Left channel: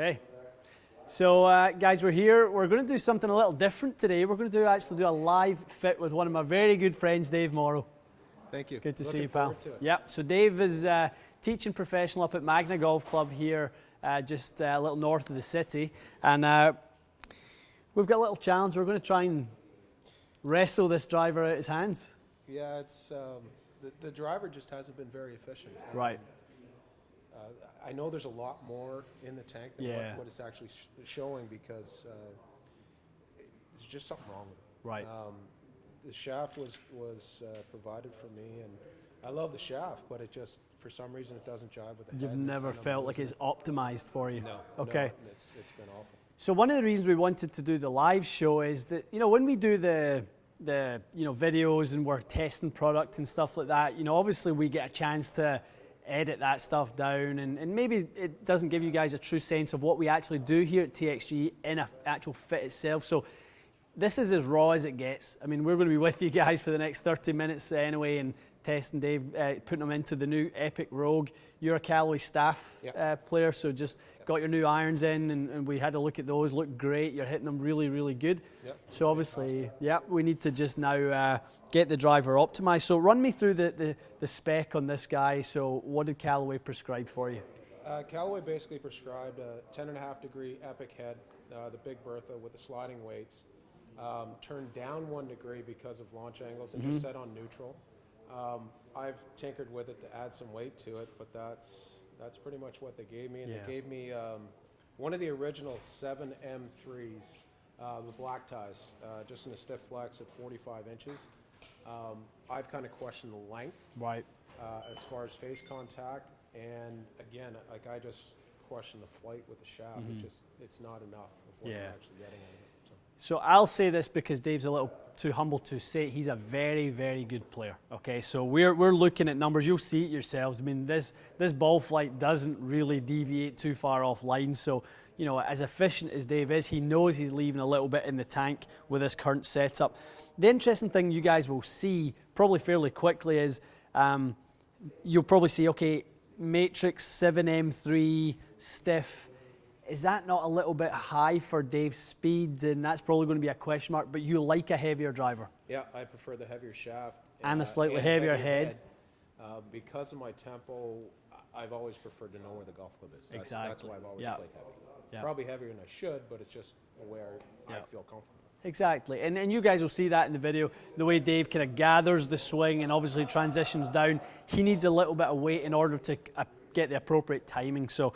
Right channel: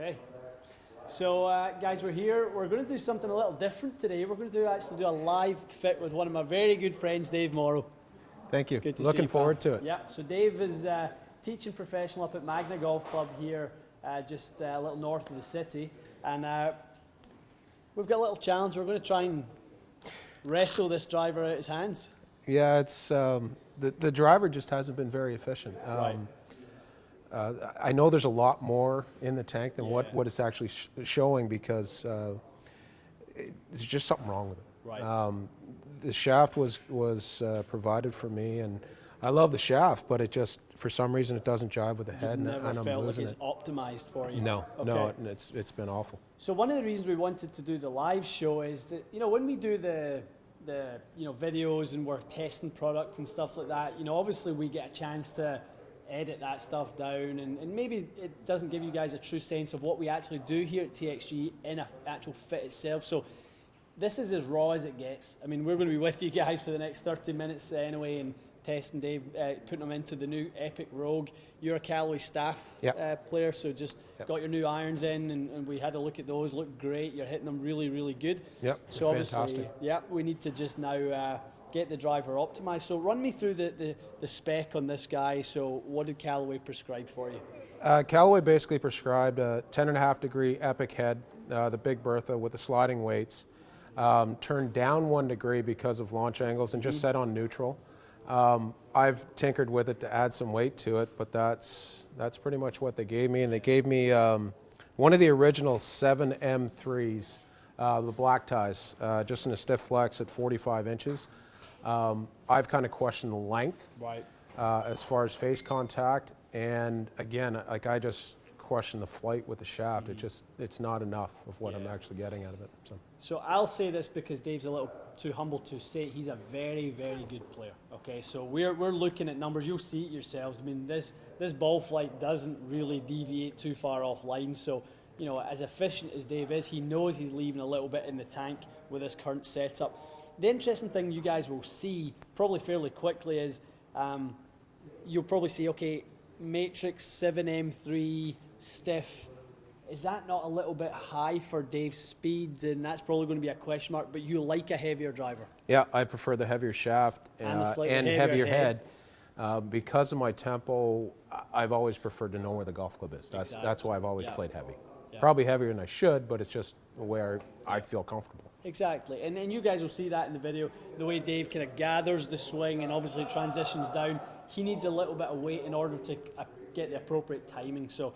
Okay. So guys, we're here. We're going to do something a little different today. We're going to actually do a live fit with one of my very good friends, Dave Morrow. Thank you. Good to Looking see you, forward to it. Yep. So Dave is teaching professional up at Magna Golf Club here, just a little north of the city. And we've got a little challenge. We're going to try and wrestle this driver out of his hands. Yeah, it's the driver just hasn't been very efficient. Right. I know there's a lot more in the tank than what it's actually showing, because there's just something wrong with it. Right. The shaft was provided for me, and I love the shaft, but it just, for some reason, it doesn't jive with the head. You've never felt like it's optimized for you? No, okay. No, it's been awful. So one of the reasons we wanted to do the live show is that, when we do the videos and we're testing product and stuff like that, obviously we get a chance to edit that stuff down, and maybe it doesn't give you guys a true sense of what we actually do here at TXG in an actual fit itself. So this is as raw as it gets. I mean, we're going to be with you guys for the next 30 minutes anyway, and testing Dave, putting them into the new Epic Rogue. You're a Callaway staff player, so just got your new irons in, and we had a look at those. Look great. You're hitting them really, really good. Yep. So obviously, we need to just now get the driver optimized. So run me through the spec on this guy. So what did Callaway prescribe for you? Callaway basically prescribed a 10.5 degree Epic head, the Big Bertha with the sliding weights, turned down 1 degree because of launch angles, and just set on neutral. I've tinkered with it to add some weight to it, but that's pretty much what they gave me. And they gave me one of the original 7M3s, the black ties, just in a stiff flex at 45 inches. I've kind of questioned the length, right, as far as face contact, and again, like, I just question the flight with the shaft. It's not enough of what I'm actually getting out of it. So I'll say this because Dave's a little too humble to say he's a very, very good player. Okay, so we're looking at numbers. You'll see it yourselves. I mean, this ball flight doesn't really deviate too far off line. So, as efficient as Dave is, he knows he's leaving a little bit in the tank with his current setup. The interesting thing you guys will see probably fairly quickly is you'll probably see, okay, Matrix 7M3 stiff. Is that not a little bit high for Dave's speed? And that's probably going to be a question mark, but you like a heavier driver. Yeah, I prefer the heavier shaft and a slightly heavier head. Because of my tempo, I've always preferred to know where the golf club is. That's why I've always played heavy. Probably heavier than I should, but it's just where I feel comfortable. Exactly, and you guys will see that in the video, the way Dave kind of gathers the swing and obviously transitions down. He needs a little bit of weight in order to get the appropriate timing. So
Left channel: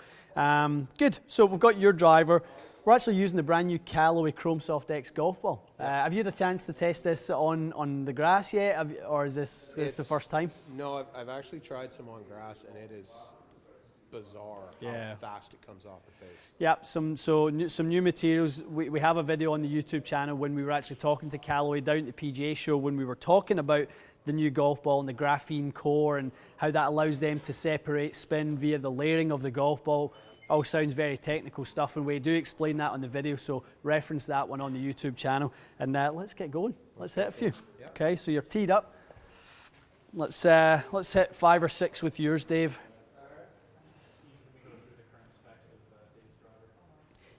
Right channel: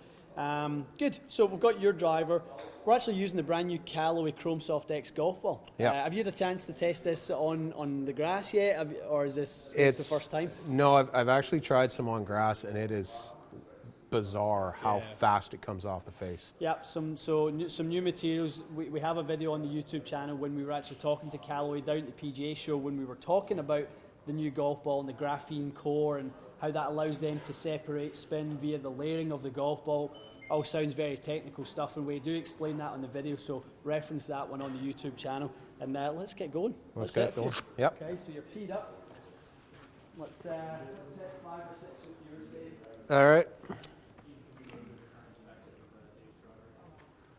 good. So we've got your driver. We're actually using the brand new Callaway Chrome Soft X golf ball. Have you had a chance to test this on the grass yet, or is this the first time? No, I've actually tried some on grass, and it is bizarre how fast it comes off the face. Yep, some new materials. We have a video on the YouTube channel when we were actually talking to Callaway down at the PGA show, when we were talking about the new golf ball and the graphene core and how that allows them to separate spin via the layering of the golf ball. All sounds very technical stuff, and we do explain that on the video, so reference that one on the YouTube channel. And let's get going. Let's get going. Yep. Okay, so you're teed up. Let's hit 5 or 6 with yours, Dave. All right.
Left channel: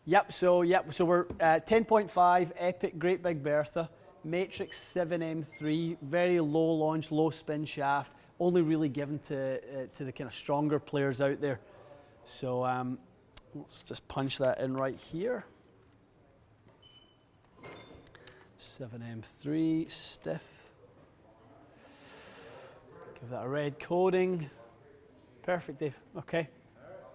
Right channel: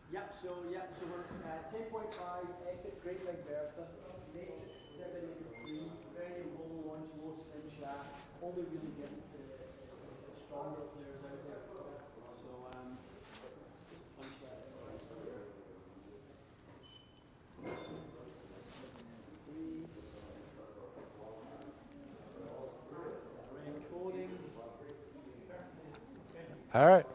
Yep, so we're 10.5 Epic Great Big Bertha, Matrix 7M3, very low launch, low spin shaft, only really given to the kind of stronger players out there. So let's just punch that in right here. 7M3, stiff. Give that a red coating. Perfect, Dave. Okay. All right.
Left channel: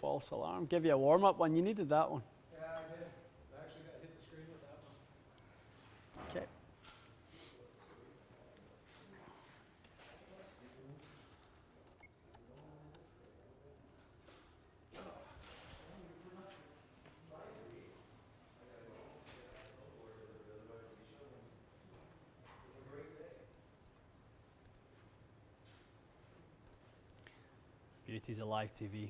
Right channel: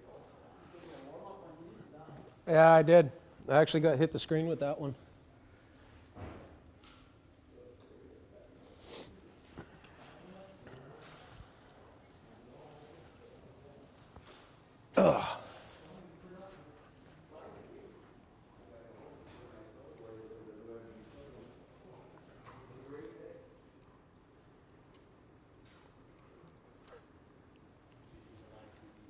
False alarm. Give you a warm-up one. You needed that one. Yeah, I did. I actually got hit the screen with that one. Okay. Ugh. Beauty's a live TV.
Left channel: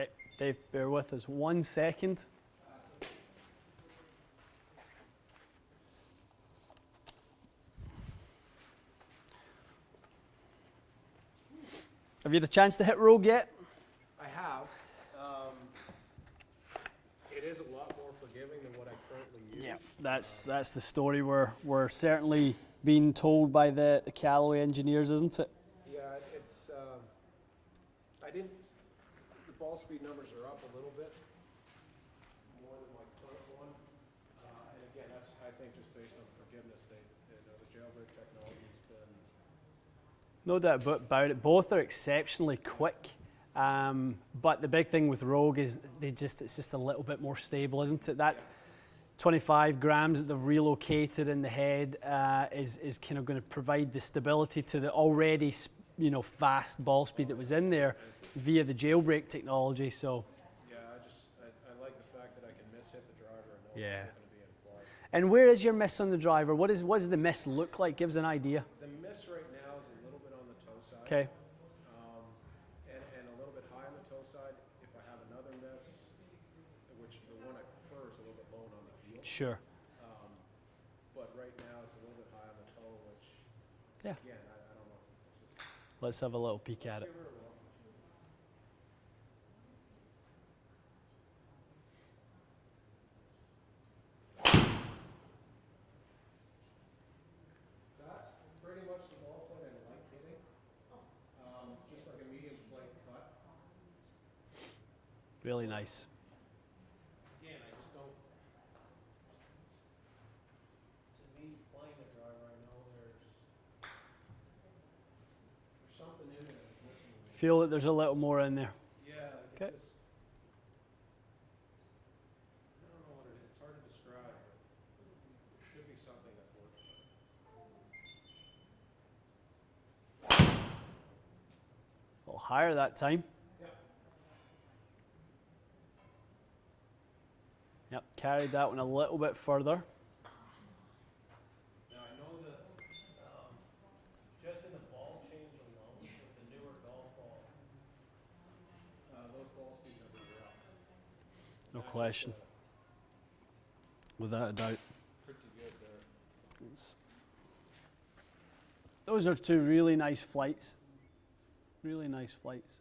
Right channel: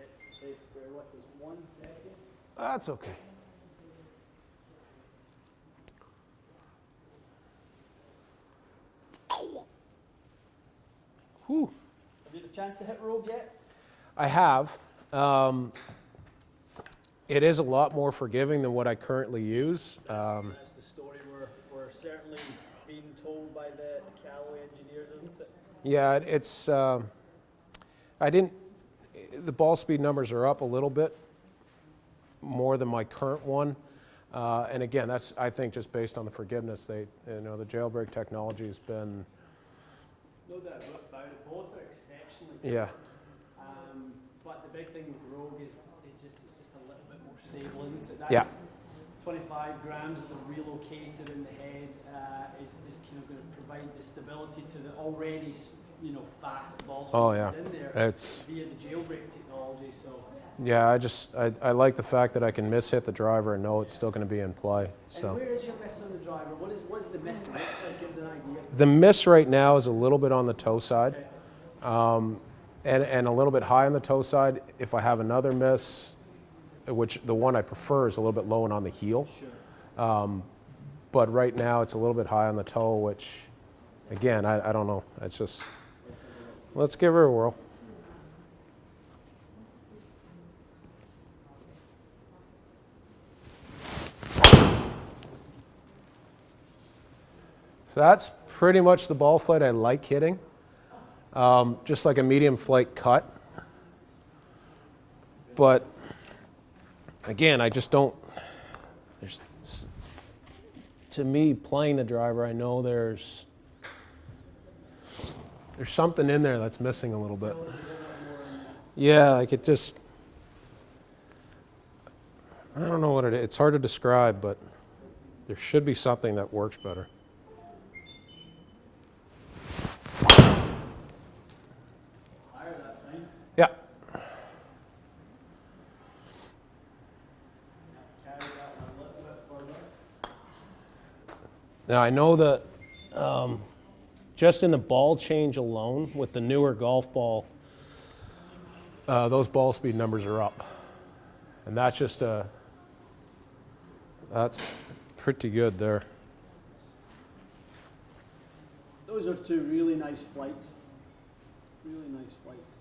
Okay, Dave, bear with us 1 second. That's okay. Whew. Have you had a chance to hit rogue yet? I have. It is a lot more forgiving than what I currently use. That's the story we're certainly being told by the Callaway engineers, isn't it? Yeah, it's. The ball speed numbers are up a little bit more than my current one, and again, that's I think just based on the forgiveness. The jailbreak technology has been. No doubt about it. Both are exceptionally quick. Yeah. But the big thing with Rogue is it's just a little bit more stable, isn't it? That 25 grams that they've relocated in the head is kind of going to provide the stability to the already fast ball speed that's in there via the jailbreak technology. So yeah, I like the fact that I can miss-hit the driver and know it's still going to be in play. And where is your miss on the driver? What does the miss look like? Give us an idea. The miss right now is a little bit on the toe side. Okay. And a little bit high on the toe side. If I have another miss, which the one I prefer is a little bit low and on the heel. Sure. But right now it's a little bit high on the toe, which, again, I don't know. It's just. Let's have a little peek. Let's give her a whirl. So that's pretty much the ball flight I like hitting. Just like a medium flight cut. Really but nice. Again, I just don't. To me, playing the driver, I know there's something in there that's missing a little bit. Feel that there's a little more in there. Yeah, like it just. I don't know what it is. It's hard to describe, but there should be something that works better. Higher that time. Yeah. Yep, carried that one a little bit further. Now I know that just in the ball change alone with the newer golf ball, those ball speed numbers are up, and that's that's pretty good there. Those are two really nice flights. Really nice flights.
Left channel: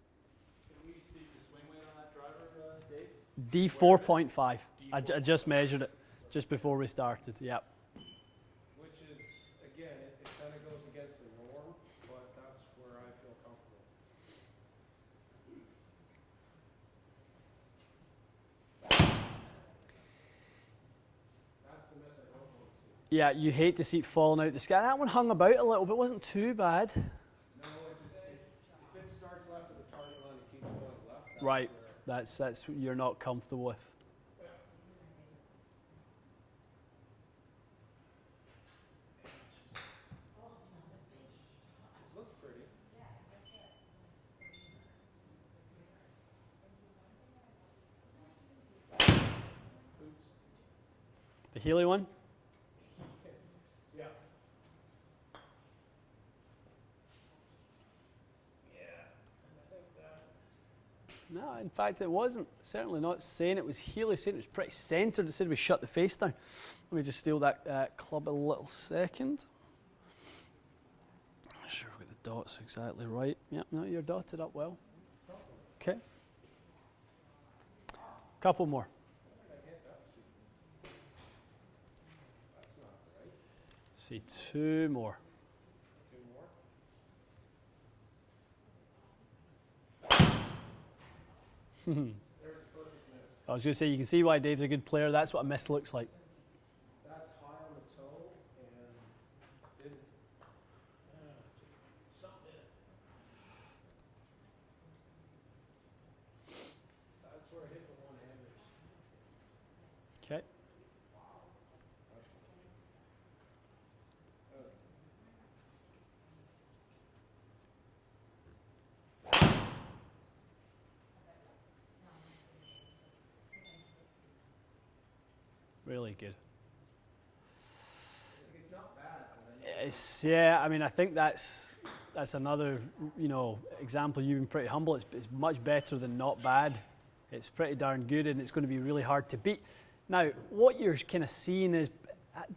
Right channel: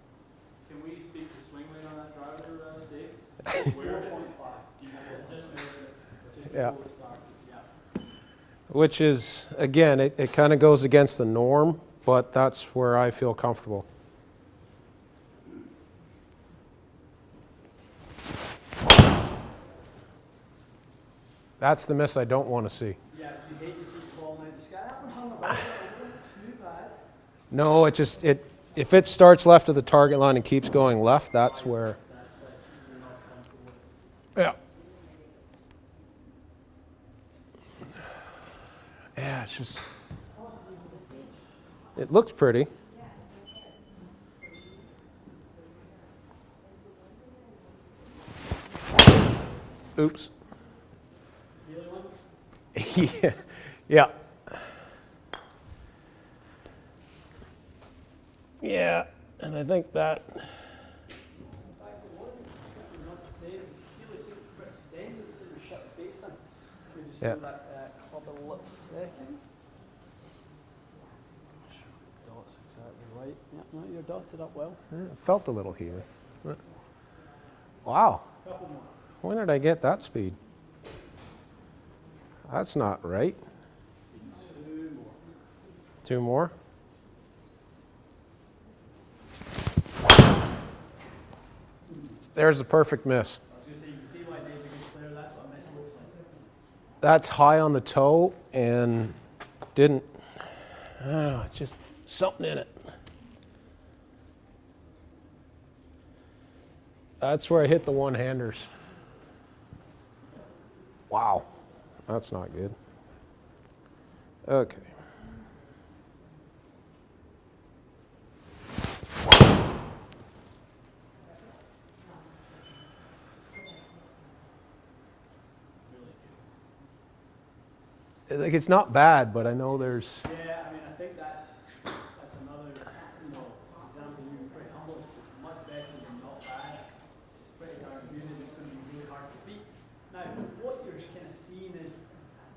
Can we speak to swing weight on that driver, Dave? D4.5. I just measured it just before we started. Yeah. Which is, again, it kind of goes against the norm, but that's where I feel comfortable. That's the miss I don't want to see. Yeah, you hate to see it falling out the sky. That one hung about a little bit. Wasn't too bad. No, if it starts left of the target line and keeps going left, that's where. That's you're not comfortable with. Yeah. Yeah, it's just. It looks pretty. Oops. The Healy one? Yeah. Yeah, and I think that. No, in fact, it wasn't. Certainly not saying it was Healy. Saying it was pretty centred. It said we shut the face down. Let me just steal that club a little second. I'm sure we got the dots exactly right. Yep, no, you're dotted up well. Yeah, it felt a little Healy. Wow. Couple more. When did I get that speed? That's not right. See, two more. Two more. There's the perfect miss. I was going to say, you can see why Dave's a good player. That's what a miss looks like. That's high on the toe and didn't. I don't know, just something in it. That's where I hit the one-handers. Okay. Wow, that's not good. Okay. Really good. Like, it's not bad, but I know there's. Yeah, I mean, I think that's another, example. You've been pretty humble. It's much better than not bad. it's pretty darn good, and it's going to be really hard to beat. Now, what you're kind of seeing is,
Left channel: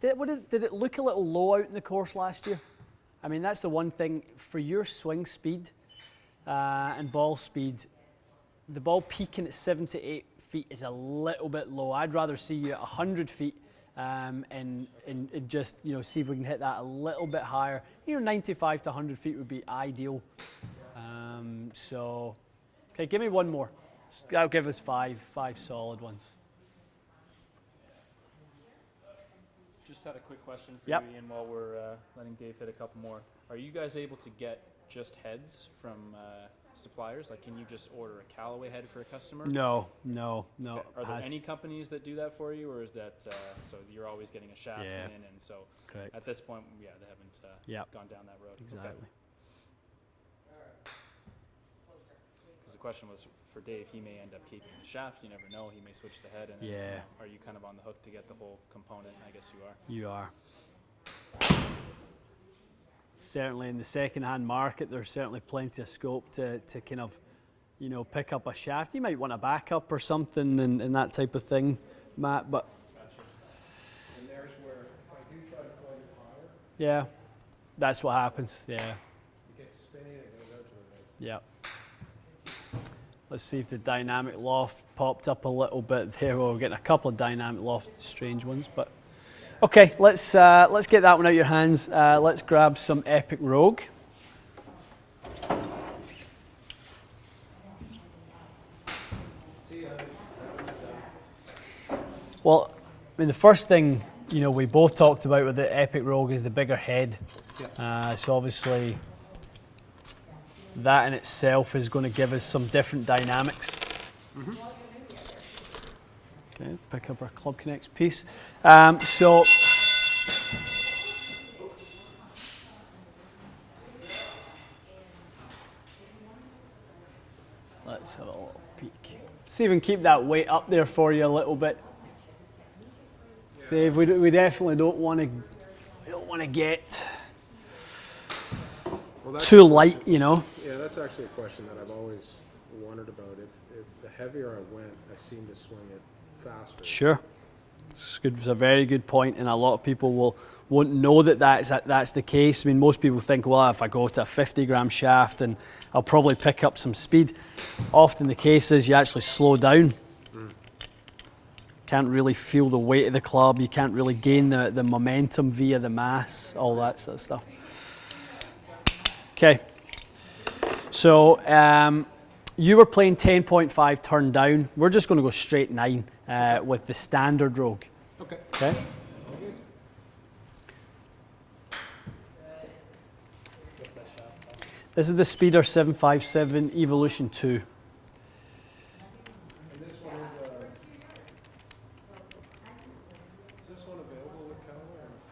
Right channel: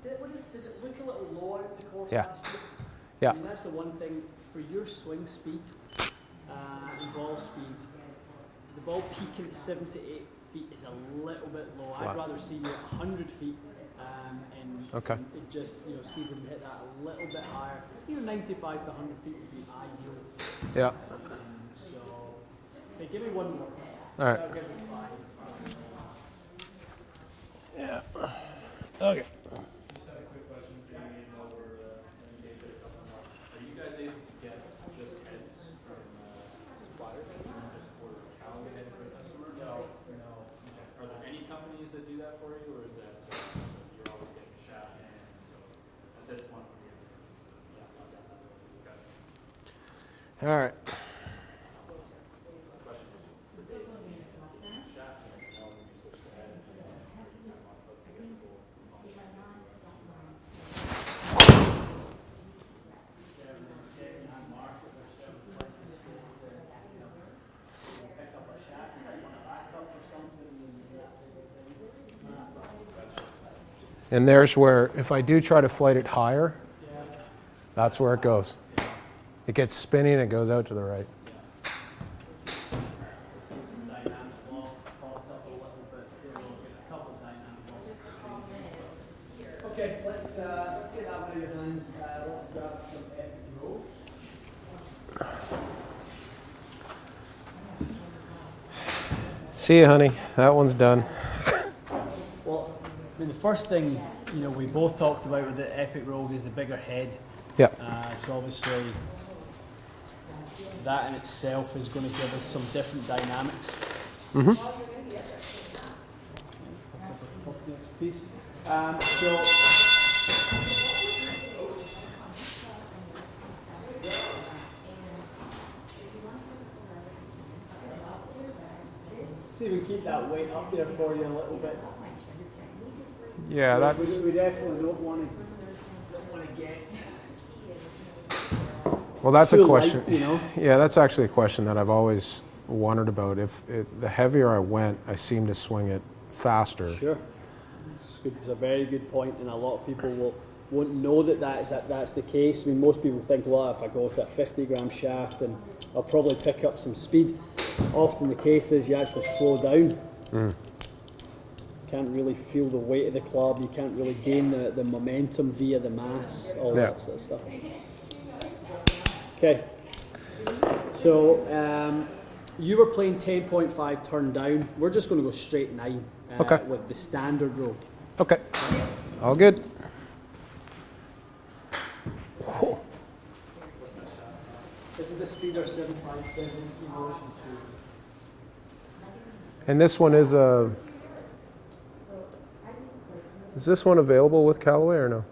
did it look a little low out in the course last year? Yeah. I mean, that's the one thing for your swing speed and ball speed. The ball peaking at 7 to 8 feet is a little bit low. I'd rather see you at 100 feet and it just, see if we can hit that a little bit higher. 95 to 100 feet would be ideal. Yeah. So, okay, give me one more. All right. That'll give us five solid ones. Yeah. Okay. Just had a quick question for Yep. Ian while we're letting Dave hit a couple more. Are you guys able to get just heads from suppliers? Like, can you just order a Callaway head for a customer? No. Are there any companies that do that for you, or is that so you're always getting a shaft in, and so Correct. at this point we haven't gone down that road? Exactly. All right. The question was for Dave. He may end up keeping the shaft. You never know. He may switch the head. And are you kind of on the hook to get the whole component? I guess you are. You are. Certainly in the second-hand market, there's certainly plenty of scope to kind of, pick up a shaft. You might want a backup or something and that type of thing, Matt, but... And there's where, if I do try to flight it higher, Yeah. that's where what it goes. happens. Yeah. It gets spinning, it goes out to the right. Yeah. Let's see if the dynamic loft popped up a little bit there. Well, we're getting a couple of dynamic loft strange ones, but okay. Let's get that one out of your hands. Let's grab some Epic Rogue. See you, honey. That one's done. Well, I mean, the first thing we both talked about with the Epic Rogue is the bigger head. Yeah. So obviously, that in itself is going to give us some different dynamics. Mm-hmm. Okay, pick up our Club Connects piece. So let's have a little peek. See if we can keep that weight up there for you a little bit. Yeah, Dave, that's... we definitely don't want to get Well, that's too a question. light, Yeah, that's actually a question that I've always wondered about. The heavier I went, I seemed to swing it faster. Sure. It's a very good point, and a lot of people won't know that's the case. I mean, most people think, well, if I go to a 50-gram shaft, and I'll probably pick up some speed. Often the case is you actually slow down. Can't really feel the weight of the club. You can't really gain the momentum via the mass, all that sort of stuff. Okay. So you were playing 10.5 turn down. We're just going to go straight 9 with the standard Rogue. Okay. All good. Whoa. This is the Speeder 757 Evolution 2. And this one is a... Is this one available with Callaway or no?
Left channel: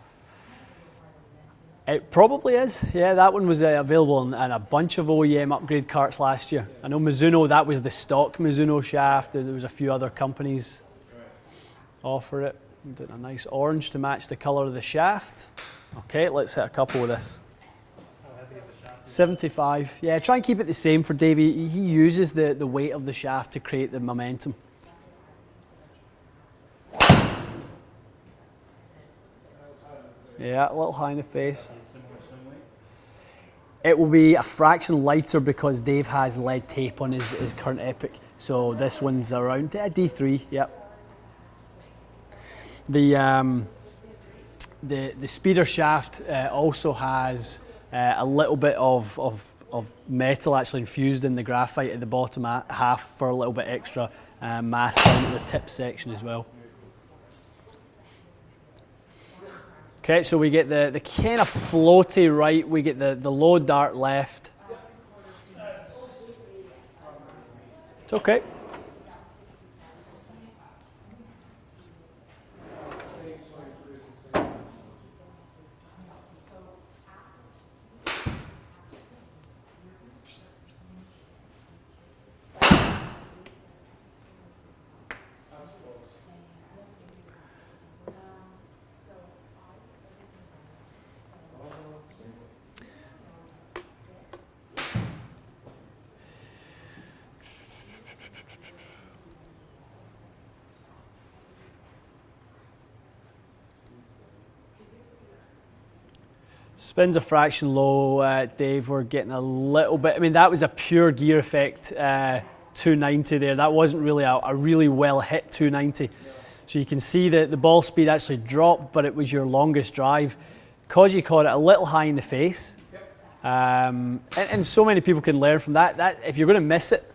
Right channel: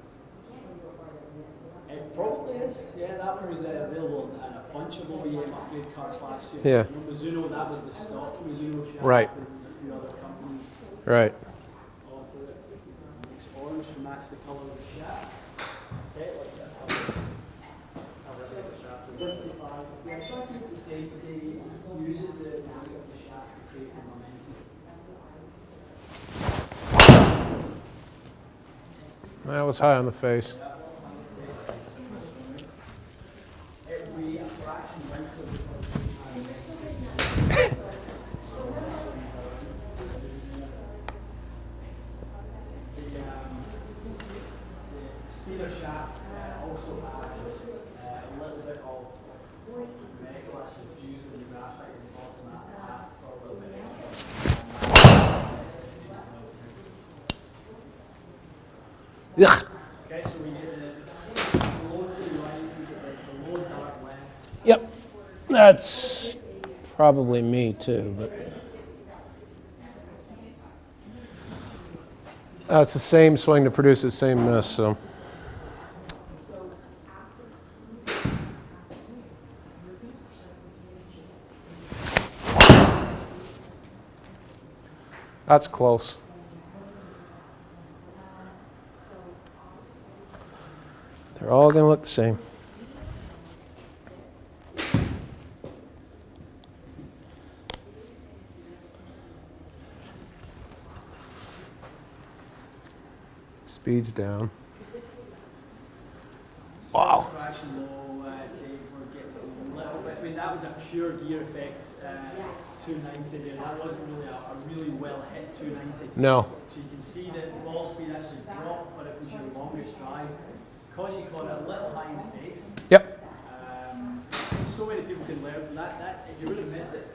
It probably is. Yeah, that one was available in a bunch of OEM upgrade carts last year. Yeah. I know Mizuno, that was the stock Mizuno shaft, Right. and there was a few other companies Right. offer it. We did a nice orange to match the colour of the shaft. Okay, let's hit a couple of this. 75. Yeah, try and keep it the same for Davey. He uses the weight of the shaft to create the momentum. That was high on the face. Yeah, a little high in the face. It will be a fraction lighter because Dave has lead tape on his current Epic. So this one's around D3, yep. The speeder shaft also has a little bit of metal actually infused in the graphite at the bottom half for a little bit extra match in the tip section as well. Ugh. Okay, so we get the kind of floaty right, we get the low dart left. Yep. That's probably me too. Okay. It's the same swing to produce the same miss, so. That's close. They're all going to look the same. Speed's down. Spins a fraction low, Dave. We're getting a little bit. I mean, that was a pure gear effect 290 there. That wasn't really a really well hit 290. No. So you can see that the ball speed actually dropped, but it was your longest drive. Because you caught it a little high in the face. Yep. And so many people can learn from that. That if you're going to miss it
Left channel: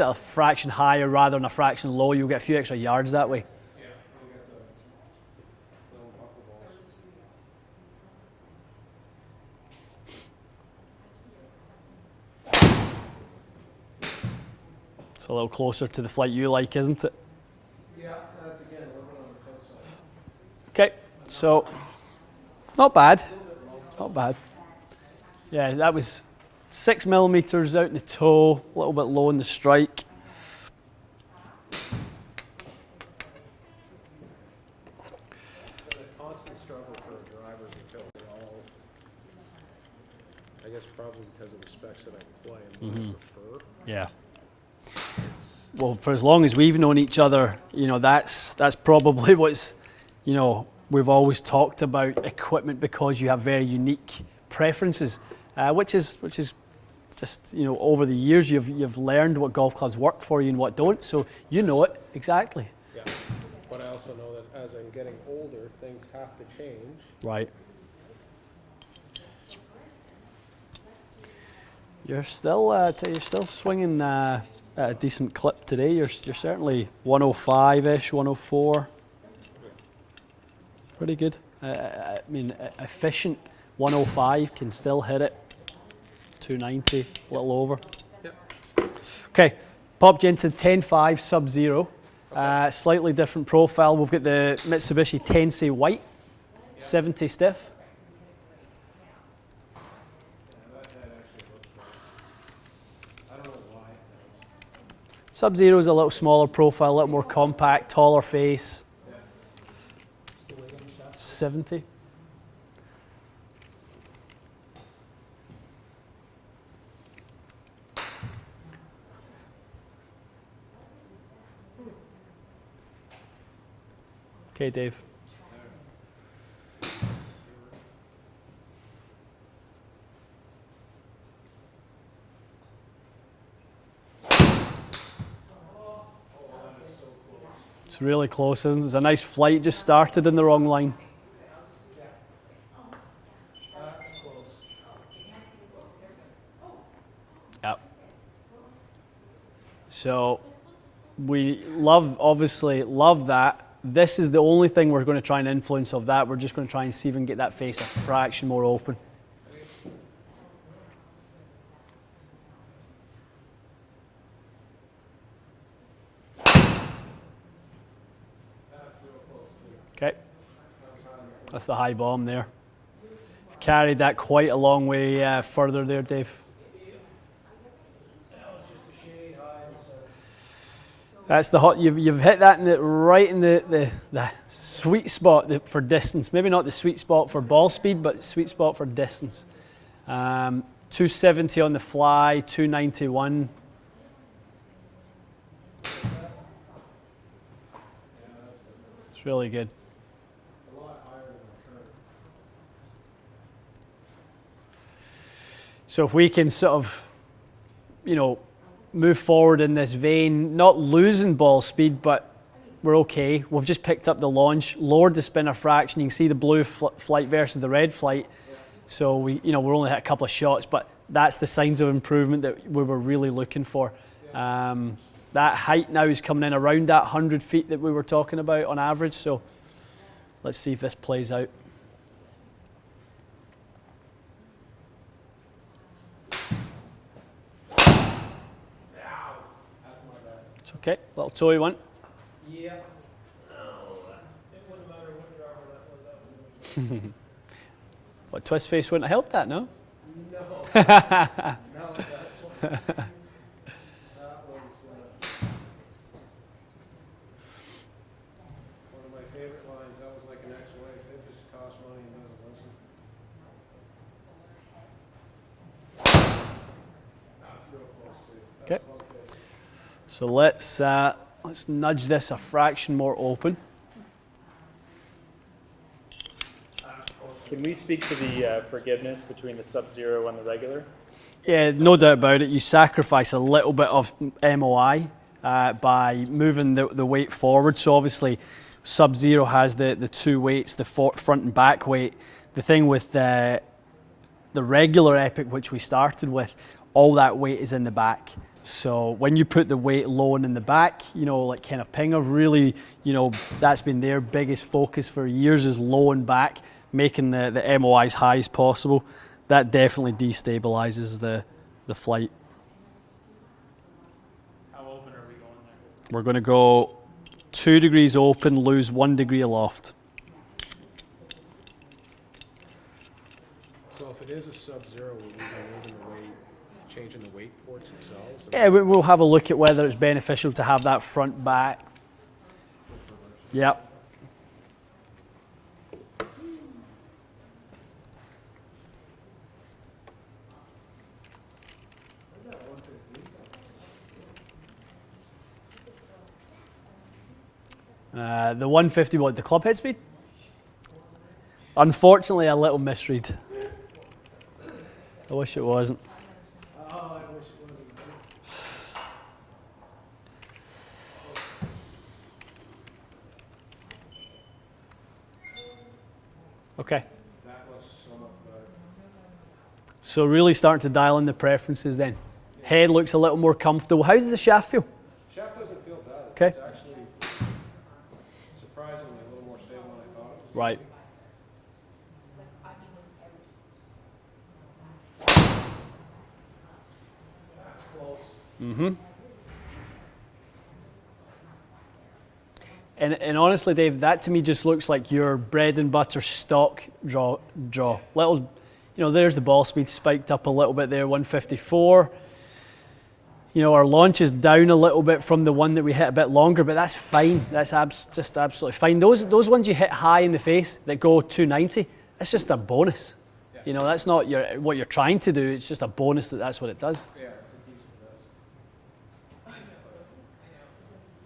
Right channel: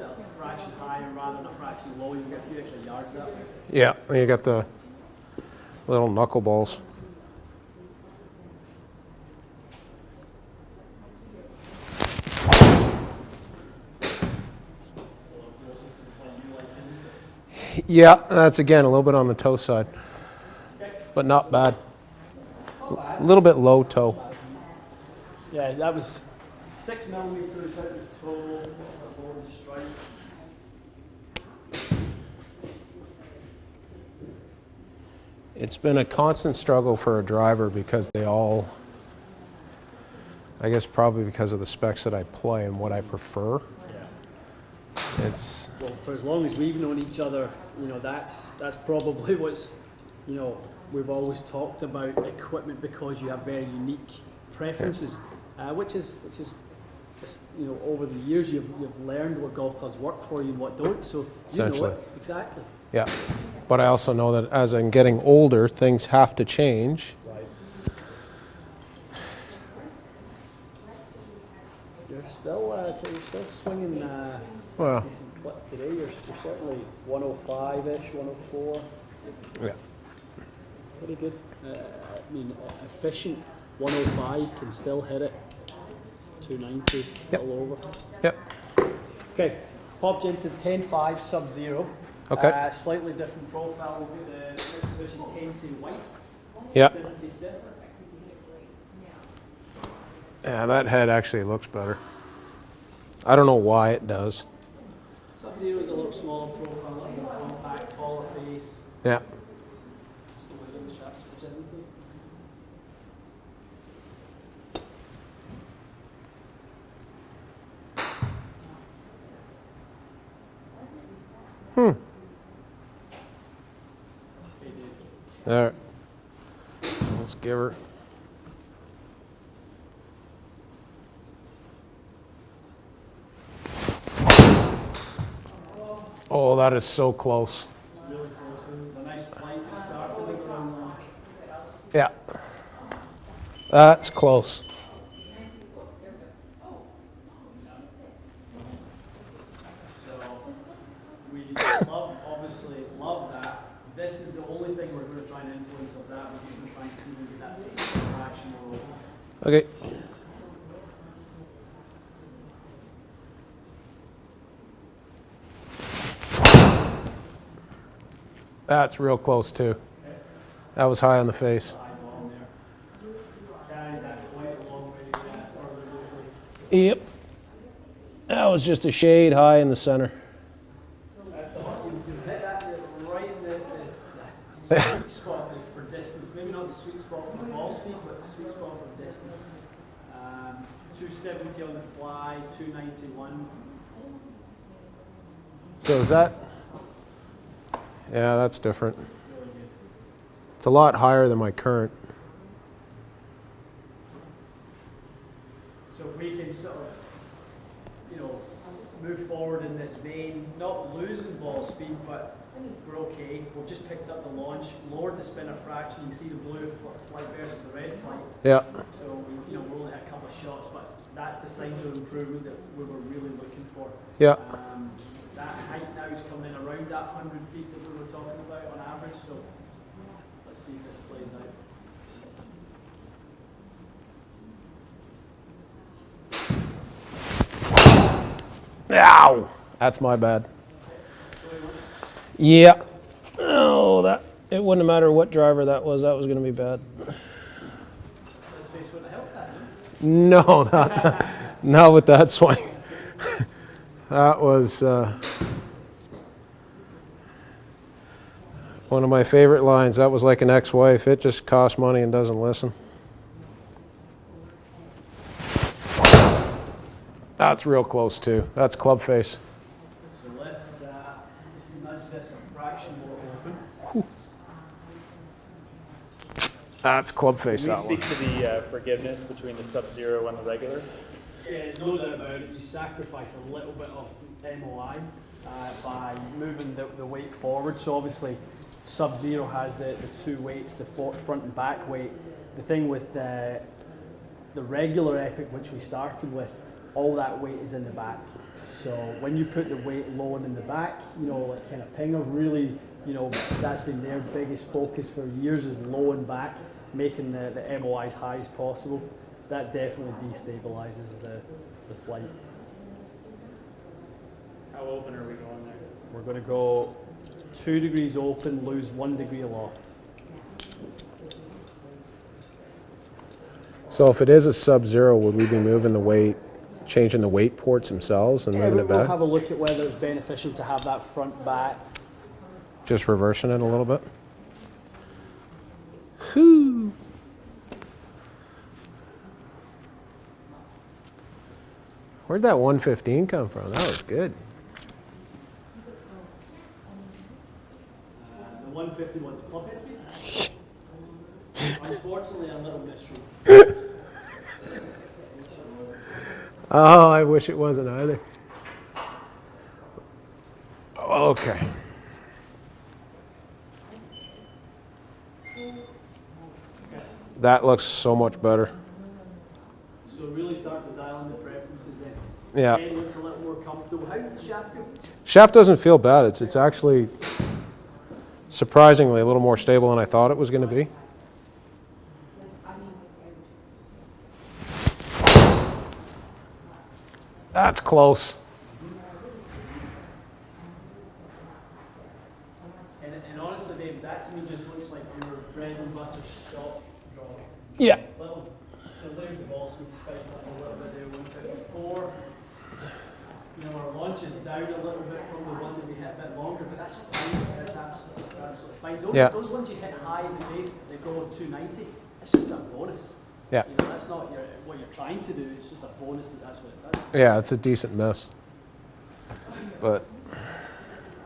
a fraction higher rather than a fraction low, you'll get a few extra yards that way. Yeah, and you got the little knuckleballs. It's a little closer to the flight you like, isn't it? Yeah, that's again a little bit on the toe side. Okay. But not bad. Not bad. A little bit low toe. Not bad. Yeah, that was 6 millimeters out in the toe, a little bit low in the strike. It's been a constant struggle for a driver because they all, I guess probably because of the specs that I play and what I prefer. Yeah. It's Well, for as long as we've known each other, you know, that's probably what's, you know, we've always talked about equipment because you have very unique preferences, which is just, you know, over the years you've learned what golf clubs work for you and what don't, so you know it exactly. Yeah, but I also know that as I'm getting older, things have to change. Right. You're still swinging a decent clip today. You're certainly 105-ish, 104. Yeah. Pretty good. I mean, efficient 105 can still hit it. 290, a little over. Yep. Okay, popped you into 10.5 Subzero. Okay. Slightly different profile. We've got the Mitsubishi Tensei White, Yep. 70 stiff. Yeah, that head actually looks better. I don't know why it does. Subzero is a little smaller profile, a little more compact, taller face. Yeah. 70. Okay, Dave. All right. Let's give her. Oh, that is so close. It's really close, isn't it? It's a nice flight, just started in the wrong line. Yeah. That's close. Yep. So we obviously love that. This is the only thing we're going to try and influence of that. We're just going to try and see if we can get that face a fraction more open. Okay. That's real close too. Okay. That was high on the face. That's a high bomb there. Carried that quite a long way further there, Dave. Yep. That was just a shade high in the center. That's the hot. You've hit that right in the sweet spot for distance. Maybe not the sweet spot for ball speed, but sweet spot for distance. 270 on the fly, 291. So is that? Yeah, that's different. It's really good. It's a lot higher than my current. So if we can sort of, you know, move forward in this vein, not losing ball speed, but we're okay. We've just picked up the launch, lowered the spinner fraction. You can see the blue flight versus the red flight. Yeah. So we're only hit a couple of shots, but that's the signs of improvement that we were really looking for. Yeah. That height now is coming in around that 100 feet that we were talking about on average. So let's see if this plays out. Ow! That's my bad. It's okay. Little toey one. Yeah. Oh, it wouldn't matter what driver that was going to be bad. But twist face wouldn't have helped that, no? No, not with that swing. That was one of my favorite lines. That was like an ex-wife. It just costs money and doesn't listen. That's real close too. That's Okay. club face. So let's nudge this a fraction more open. That's club face. Can we that speak to the forgiveness between the Subzero and the regular? Yeah, no doubt about it. You sacrifice a little bit of MOI by moving the weight forward. So obviously, Subzero has the two weights, the front and back weight. The thing with the regular Epic, which we started with, all that weight is in the back. So when you put the weight low and in the back, like kind of Pinger, really, that's been their biggest focus for years, is low and back, making the MOI as high as possible. That definitely destabilizes the flight. How open are we going there? We're going to go 2 degrees open, lose 1 degree aloft. So if it is a Subzero, would we be moving the weight, changing the weight ports themselves? And Yeah, we'll have a look at whether it's beneficial to have that front back. Just reversing it Yep. a little bit. Whew. Where'd that 115 come from? That was good. The 150, what, the club head speed? Unfortunately, a little misread. I wish it wasn't. Oh, I wish it wasn't either. Okay. Okay. That looks so much better. So really starting to dial in the preferences then. Yeah. Head looks a little more comfortable. How does the shaft feel? Shaft doesn't feel bad. It's, Okay. it's actually surprisingly a little more stable than I thought it was going Right. to be. That's close. And honestly, Dave, that to me just looks like your bread and butter stock draw. Yeah. Little, there's the ball speed spiked up a little bit there, 154. Our launch is down a little bit from the one that we hit a bit longer, but that's fine. That's just absolutely fine. Those ones you hit high in the face that go 290, that's just a bonus. Yeah. That's not what you're trying to do. It's just a bonus that's what it does. Yeah, it's a decent miss. But,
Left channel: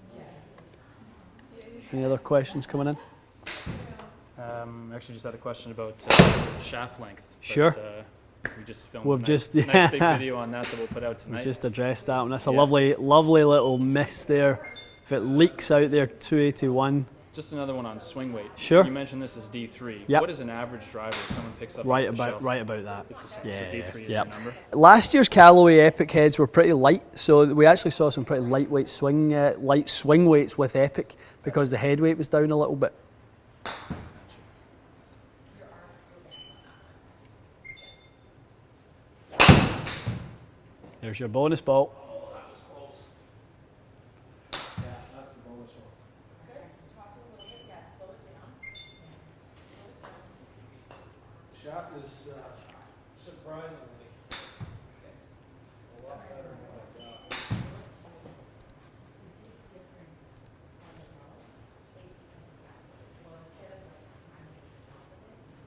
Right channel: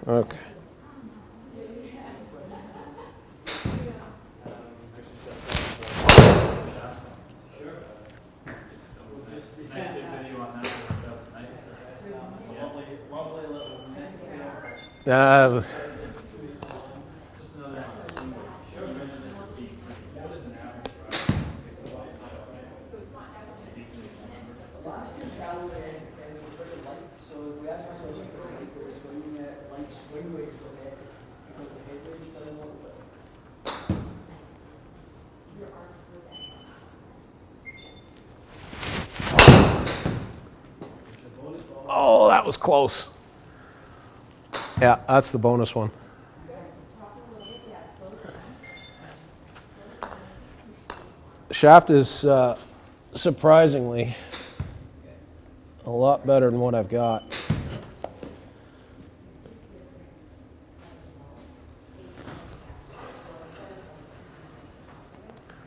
okay. Any other questions coming in? Actually, just had a question about shaft length. Sure. We just filmed We've a nice, just- nice big video on that we'll put out tonight. Just addressed that one. That's a Yeah. lovely little miss there. Yeah, it Leaks out there, 281. Just another one on swing weight. Sure. You mentioned this is D3. Yep. What is an average driver if someone picks up Right off the about shelf? that. So Yeah, D3 is yep. your number? Last year's Callaway Epic heads were pretty light, so we actually saw some pretty lightweight light swing weights with Epic because the head weight was down a little bit. There's your bonus ball. Oh, that was close. Yeah, that's the bonus one. Shaft is surprisingly a lot better than what I've got.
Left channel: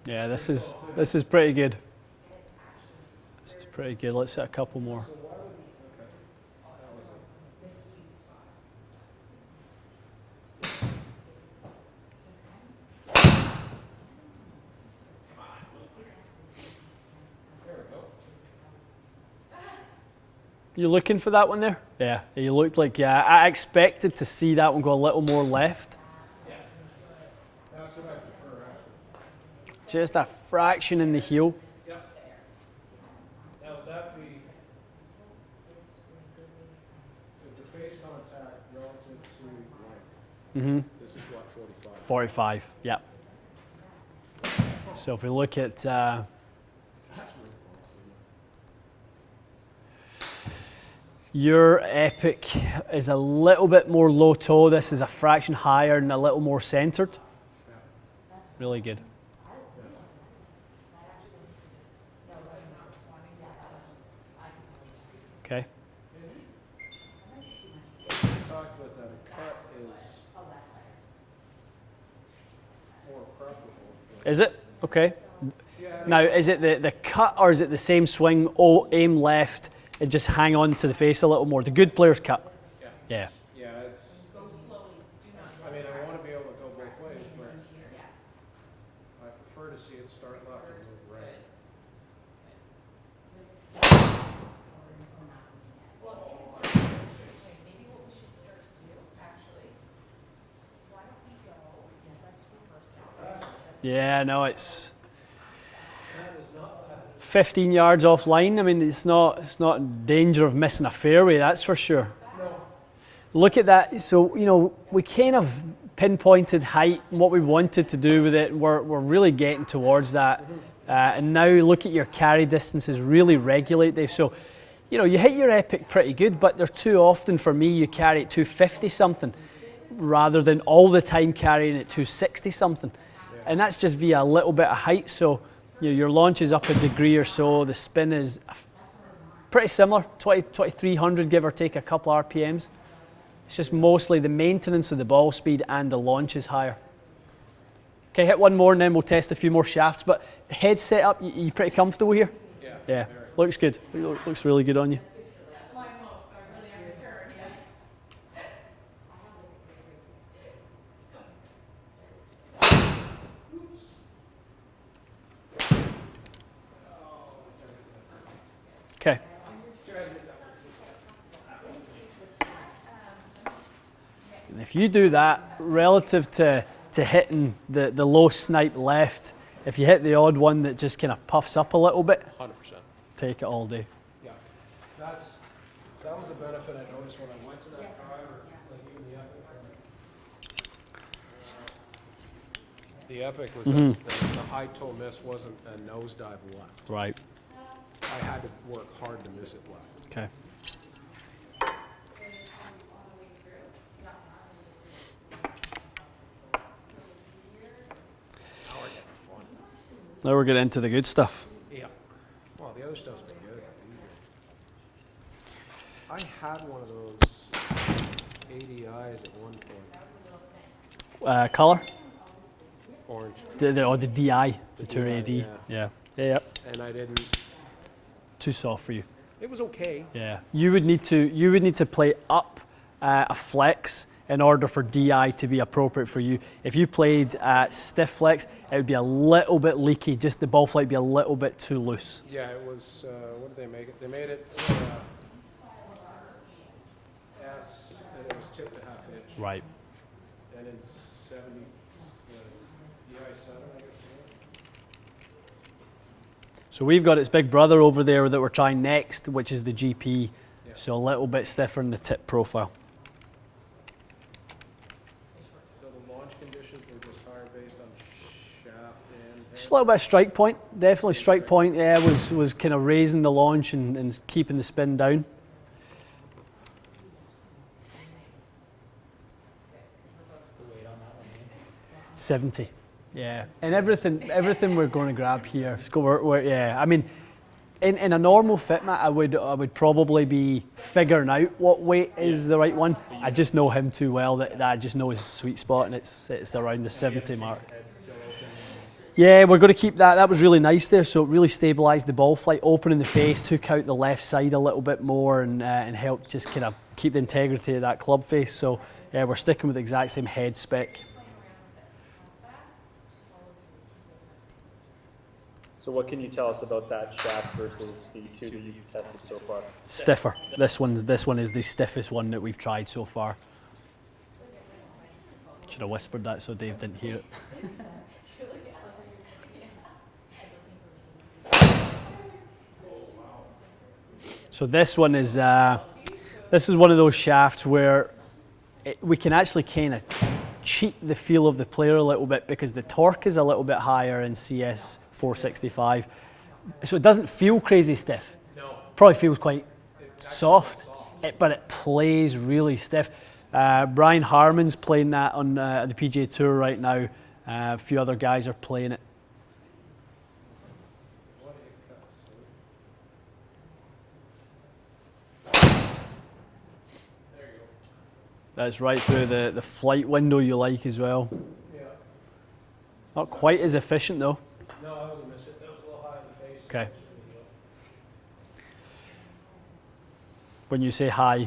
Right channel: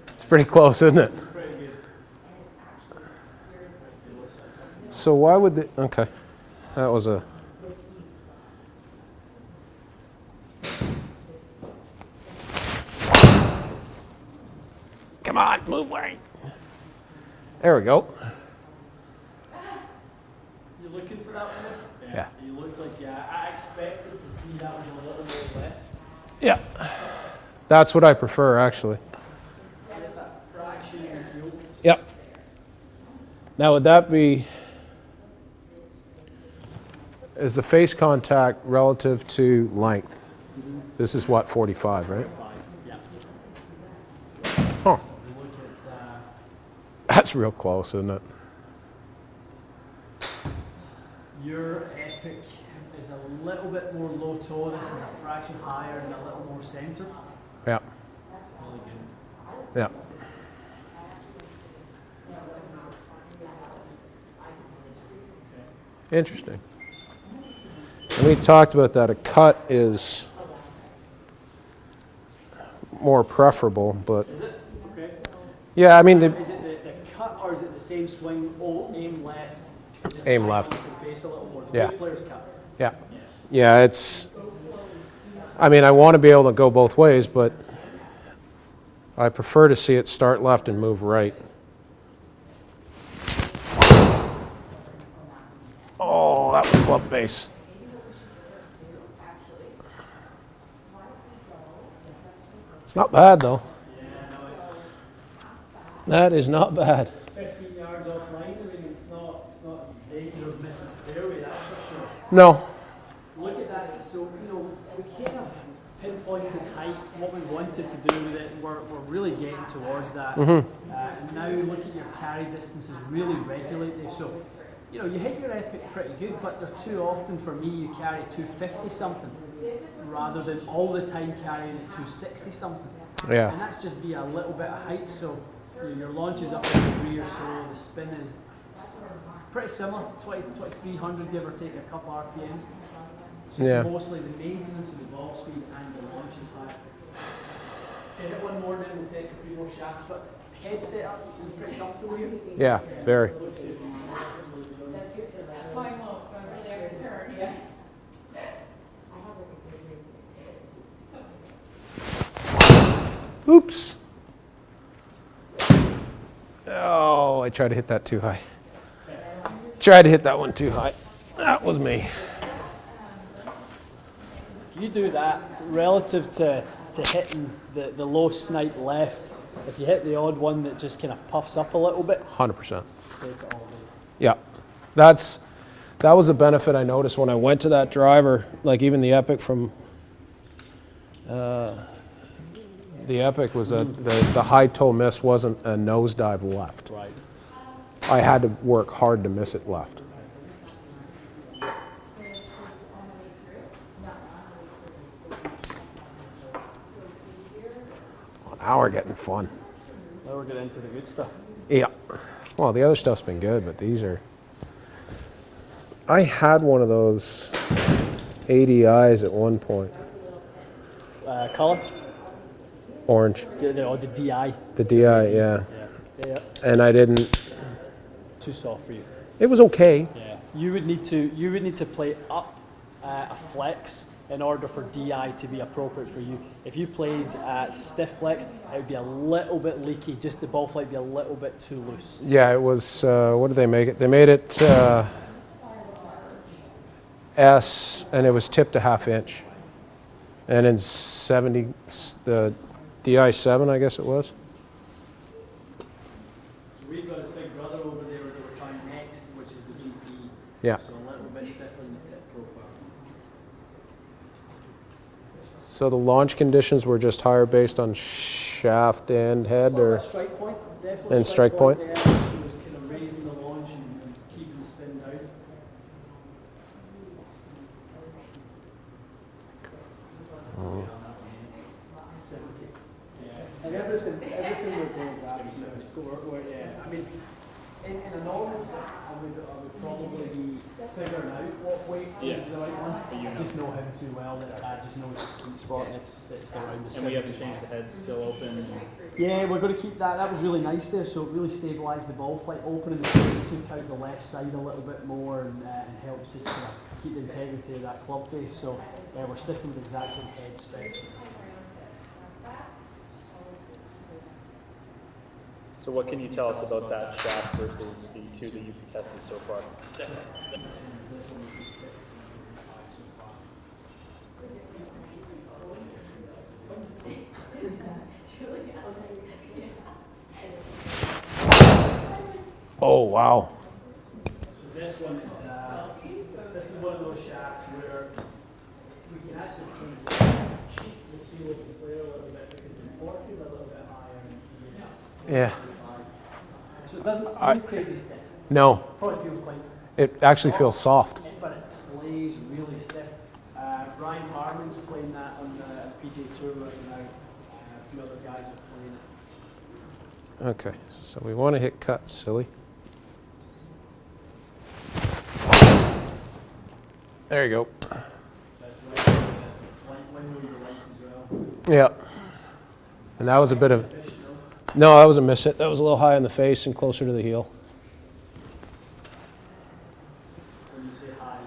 Yeah, It's pretty close, isn't it? This is pretty good. This is pretty good. Let's hit a couple more. So why would the, okay, that was a, come on, move right. There we go. You looking for that one there? Yeah. You looked like, I expected to see that one go a little more left. Yeah. That's what I prefer, actually. Just a fraction in the heel. Yep. Now, would that be, is the face contact relative to length? Mm-hmm. This is what, 45, right? 45, yeah. Huh. So if we look at, That's real close, isn't it? your Epic is a little bit more low toe. This is a fraction higher and a little more centered. Yeah. Really good. Yeah. Okay. Interesting. And we talked about that. A cut is more preferable, but Is it? Okay. yeah, I mean, Now, is it the cut or is it the same swing? Oh, aim left and just Aim hang on left. to the face a little more. The good Yeah. players cut. yeah, Yeah. yeah. It's. I mean, I want to be able to go both ways, but I prefer to see it start left and move right. Oh, that was club face. It's not bad though. Yeah, no, it's That is not bad. 15 yards offline. I mean, it's not in danger of missing a fairway, that's for sure. No. Look at that. So, you know, we kind of pinpointed height and what we wanted to do with it. We're really getting towards that. And now look at your carry distances really regulate, Dave. So, you know, you hit your epic pretty good, but they're too often for me you carry at 250 something rather than all the time carrying at 260 something. Yeah. And that's just via a little bit of height. So, you know, your launch is up a degree or so. The spin is pretty similar, 2300 give or take a couple RPMs. It's just mostly the maintenance of the ball speed and the launch is higher. Okay, hit one more and then we'll test a few more shafts. But the head setup, you pretty comfortable here? Yeah, very. Looks good. Looks really good on you. Oops. Oh, I tried to hit that too high. Okay. Tried to hit that one too high. That was me. If you do that relative to hitting the low snipe left, if you hit the odd one that just kind of puffs up a little bit, 100%. take it all day. Yeah. That was a benefit I noticed when I went to that driver, like even the Epic from the Epic was the high toe miss wasn't a nosedive left. Right. I had to work hard to miss it left. Okay. Now we're getting fun. Now we're getting into the good stuff. Yeah. Well, the other stuff's been good, but these are... I had one of those ADIs at one point. Color? Orange. The DI. The DI, yeah. Yeah. And I didn't... Too soft for you. It was okay. Yeah. You would need to play up a flex in order for DI to be appropriate for you. If you played stiff flex, it would be a little bit leaky. Just the ball flight would be a little bit too loose. Yeah, it was, what did they make it? They made it S, and it was tipped a ½ inch. Right. And in 70, the DI7, I guess it was. So we've got its big brother over there that we're trying next, which is the GP. Yeah. So a little bit stiffer in the tip profile. So the launch conditions were just higher based on shaft and head? Just a little bit of strike point, definitely And strike strike point. point? Yeah, was kind of raising the launch and keeping the spin down. Oh. 70. Yeah, and everything we're going to grab here. Yeah, I mean, in a normal fit mat, I would probably be figuring out what weight is the right one. I just know him too well that I just know his sweet spot, and it's around the 70 mark. The head's still open. Yeah, we're going to keep that. That was really nice there. So it really stabilised the ball flight, opening the face, took out the left side a little bit more, and helped just kind of keep the integrity of that club face. So yeah, we're sticking with the exact same head spec. So what can you tell us about that shaft versus the two that you've tested so far? Stiffer. This one is the stiffest one that we've tried so far. Should have whispered that so Dave didn't hear it. Oh, wow. So this one is one of those shafts where we can actually kind of cheat the feel of the player a little bit because the torque is a little bit higher in CS 465. Yeah. So it doesn't feel crazy stiff. No. Probably feels quite It actually feels soft. but it plays really stiff. Brian Harmon's playing that on the PGA Tour right now. A few other guys are playing it. Okay, so we want to hit cut, silly. There you go. That's right through the flight window you like as well. Yeah. Not And that was a quite bit as of- efficient though. No, that was a miss hit. That was a little high in the face and Okay. closer to the heel. When you say high,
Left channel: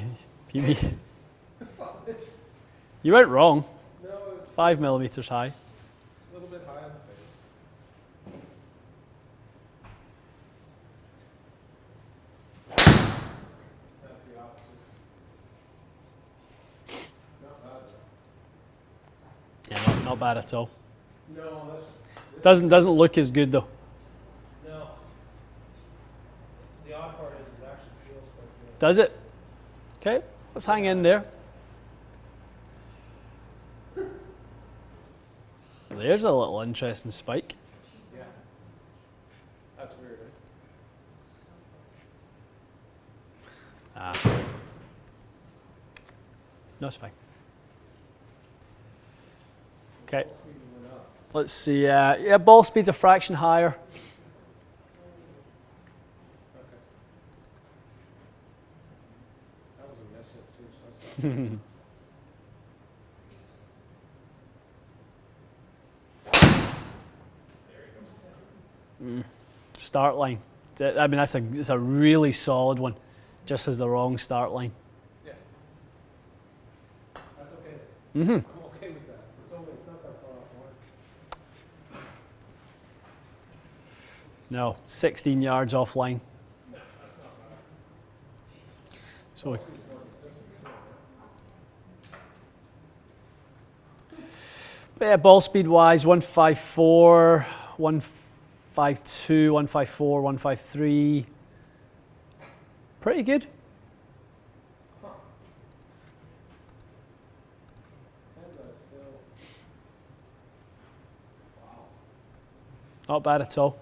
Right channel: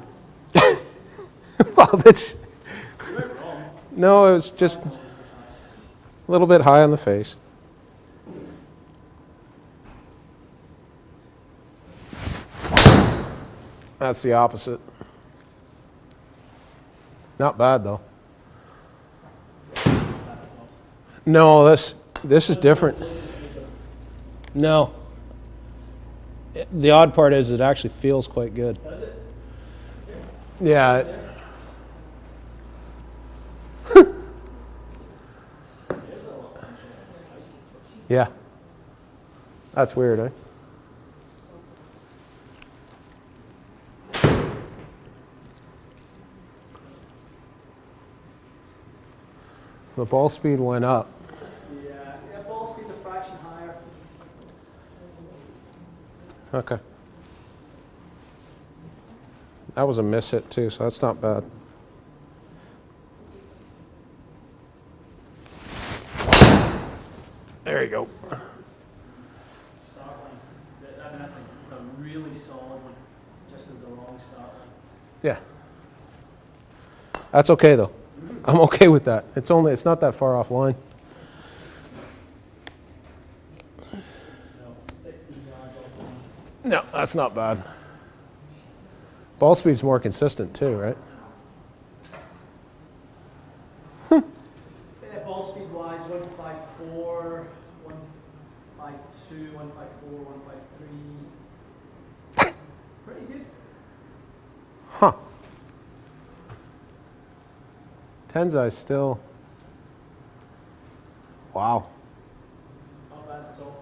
Well, that's... you went wrong. No, it was 5 just millimeters high. a little bit high on the face. That's the opposite. Not bad though. Yeah, not bad at all. No, this is Doesn't different. look as good though. No. The odd part is it actually feels quite good. Does it? Okay, let's Yeah, hang in there. There's a little interesting spike. Yeah. That's weird, eh? No, it's fine. The ball speed went up. Let's see. Yeah, ball speed's a fraction higher. Okay. That was a miss hit too, so that's not bad. There you go. Start line. I mean, it's a really solid one. Just as the wrong start line. Yeah. That's okay though. I'm okay with that. It's not that far off line. No, 16 yards offline. No, that's not bad. Ball speed's more consistent too, right? But yeah, ball speed wise, 154, 152, 154, 153. Pretty good. Huh. Tensai still. Wow. Not bad at all.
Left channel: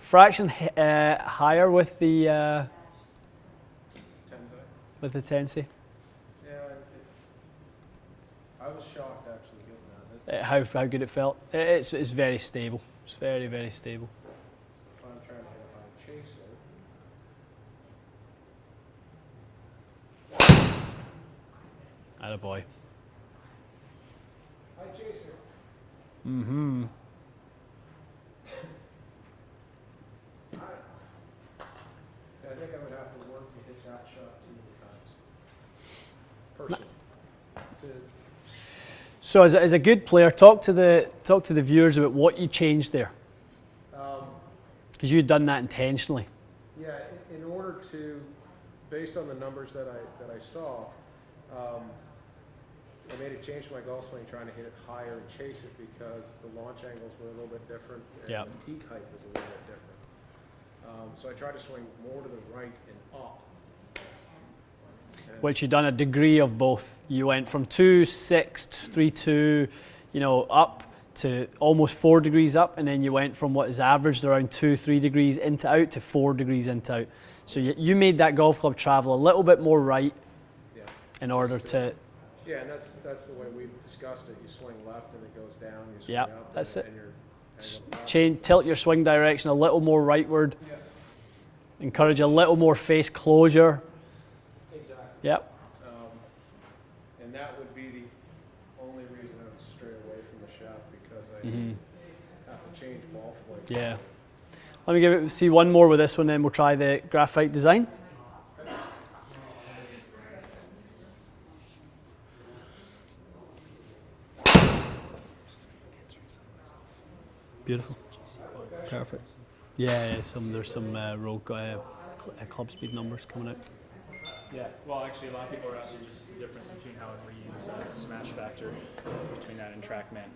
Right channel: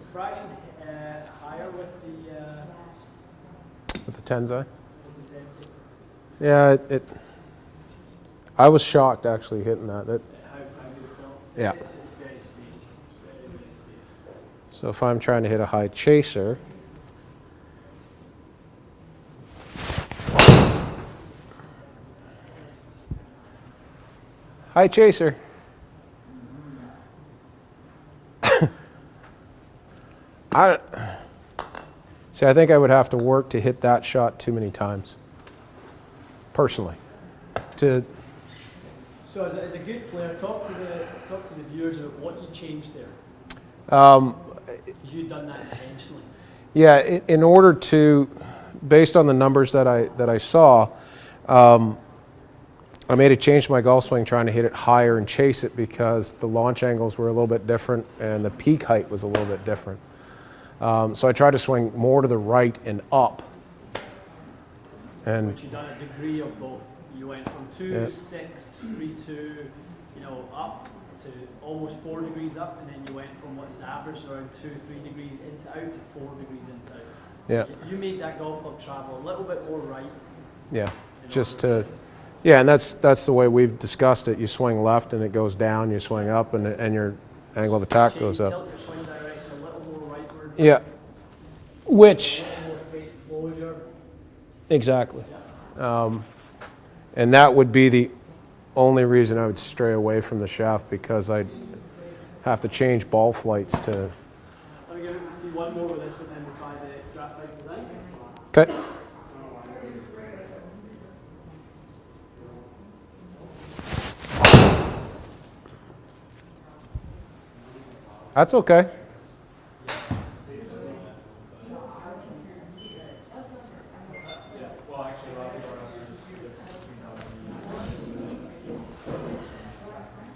Fraction higher with the With the Tensai. Tensei. Yeah, I was shocked actually hitting that. How good it felt. Yeah. It's very stable. It's very, very stable. So if I'm trying to hit a high chaser, Attaboy. high chaser. I think I would have to work to hit that shot too many times. Personally, So as a good player, talk to the viewers about what you changed there. Because you'd done that intentionally. yeah, in order to, based on the numbers that I saw, I made a change to my golf swing trying to hit it higher and chase it because the launch angles were a little bit different and the peak height was a little bit different. So I tried to swing more to the right and up. And Which you've done a degree of both. You went from 2.6, 3.2, up to almost 4 degrees up, and then you went from what is averaged around 2-3 degrees into out to 4 degrees into out. So Yeah. you made that golf club travel a little bit more right yeah, in just order to. yeah, and that's the way we've discussed it. You swing left and it goes down. You swing Yeah, up and that's it. and your angle of attack goes up. Tilt your swing direction a little more rightward. Yeah, Encourage Which- a little more face closure. Exactly. Yep. and that would be the only reason I would stray away from the shaft because I'd have to change ball flights Yeah. to. Let me see one more with this one, then we'll try the graphite design. Okay. Beautiful. That's okay. Perfect. Yeah, there's some rogue club speed numbers coming out. Yeah, well, actually, a lot of people are asking just the difference between how we use smash factor and TrackMan.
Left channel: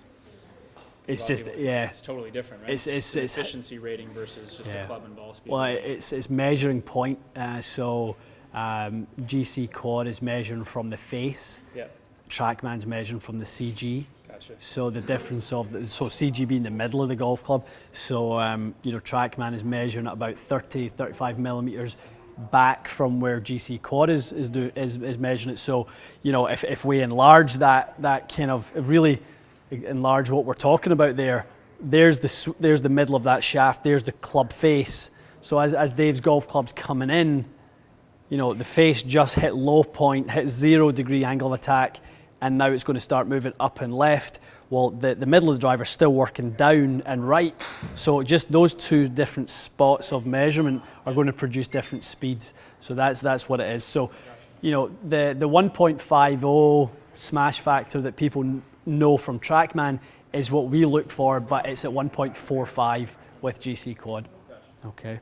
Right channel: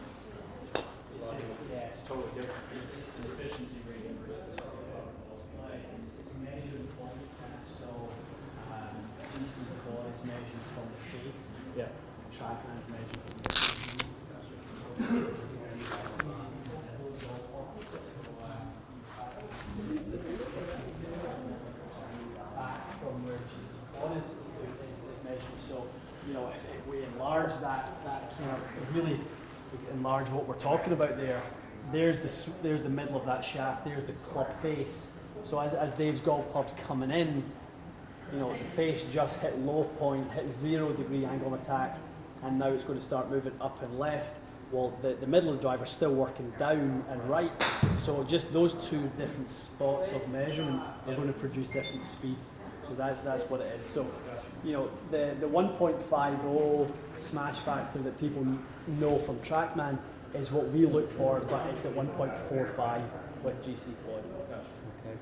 It's just It's totally different, right? It's efficiency rating versus just Yeah. a club and ball speed. well, it's measuring point. GC quad is measuring from the face. Yeah, TrackMan's measuring from the CG. gotcha. So the difference of CG being the middle of the golf club. So TrackMan is measuring at about 35 millimeters back from where GC quad is measuring it. So if we enlarge that kind of really enlarge what we're talking about there, there's the middle of that shaft. There's the club face. So as Dave's golf club's coming in, the face just hit low point, hit 0 degree angle of attack, and now it's going to start moving up and left. Well, the middle of the driver's still working down and right. So just those two different spots of measurement are going to produce different speeds. So that's what it is. So, the 1.50 smash factor that people know from TrackMan is what we look for, but it's at 1.45 with GC quad. Okay.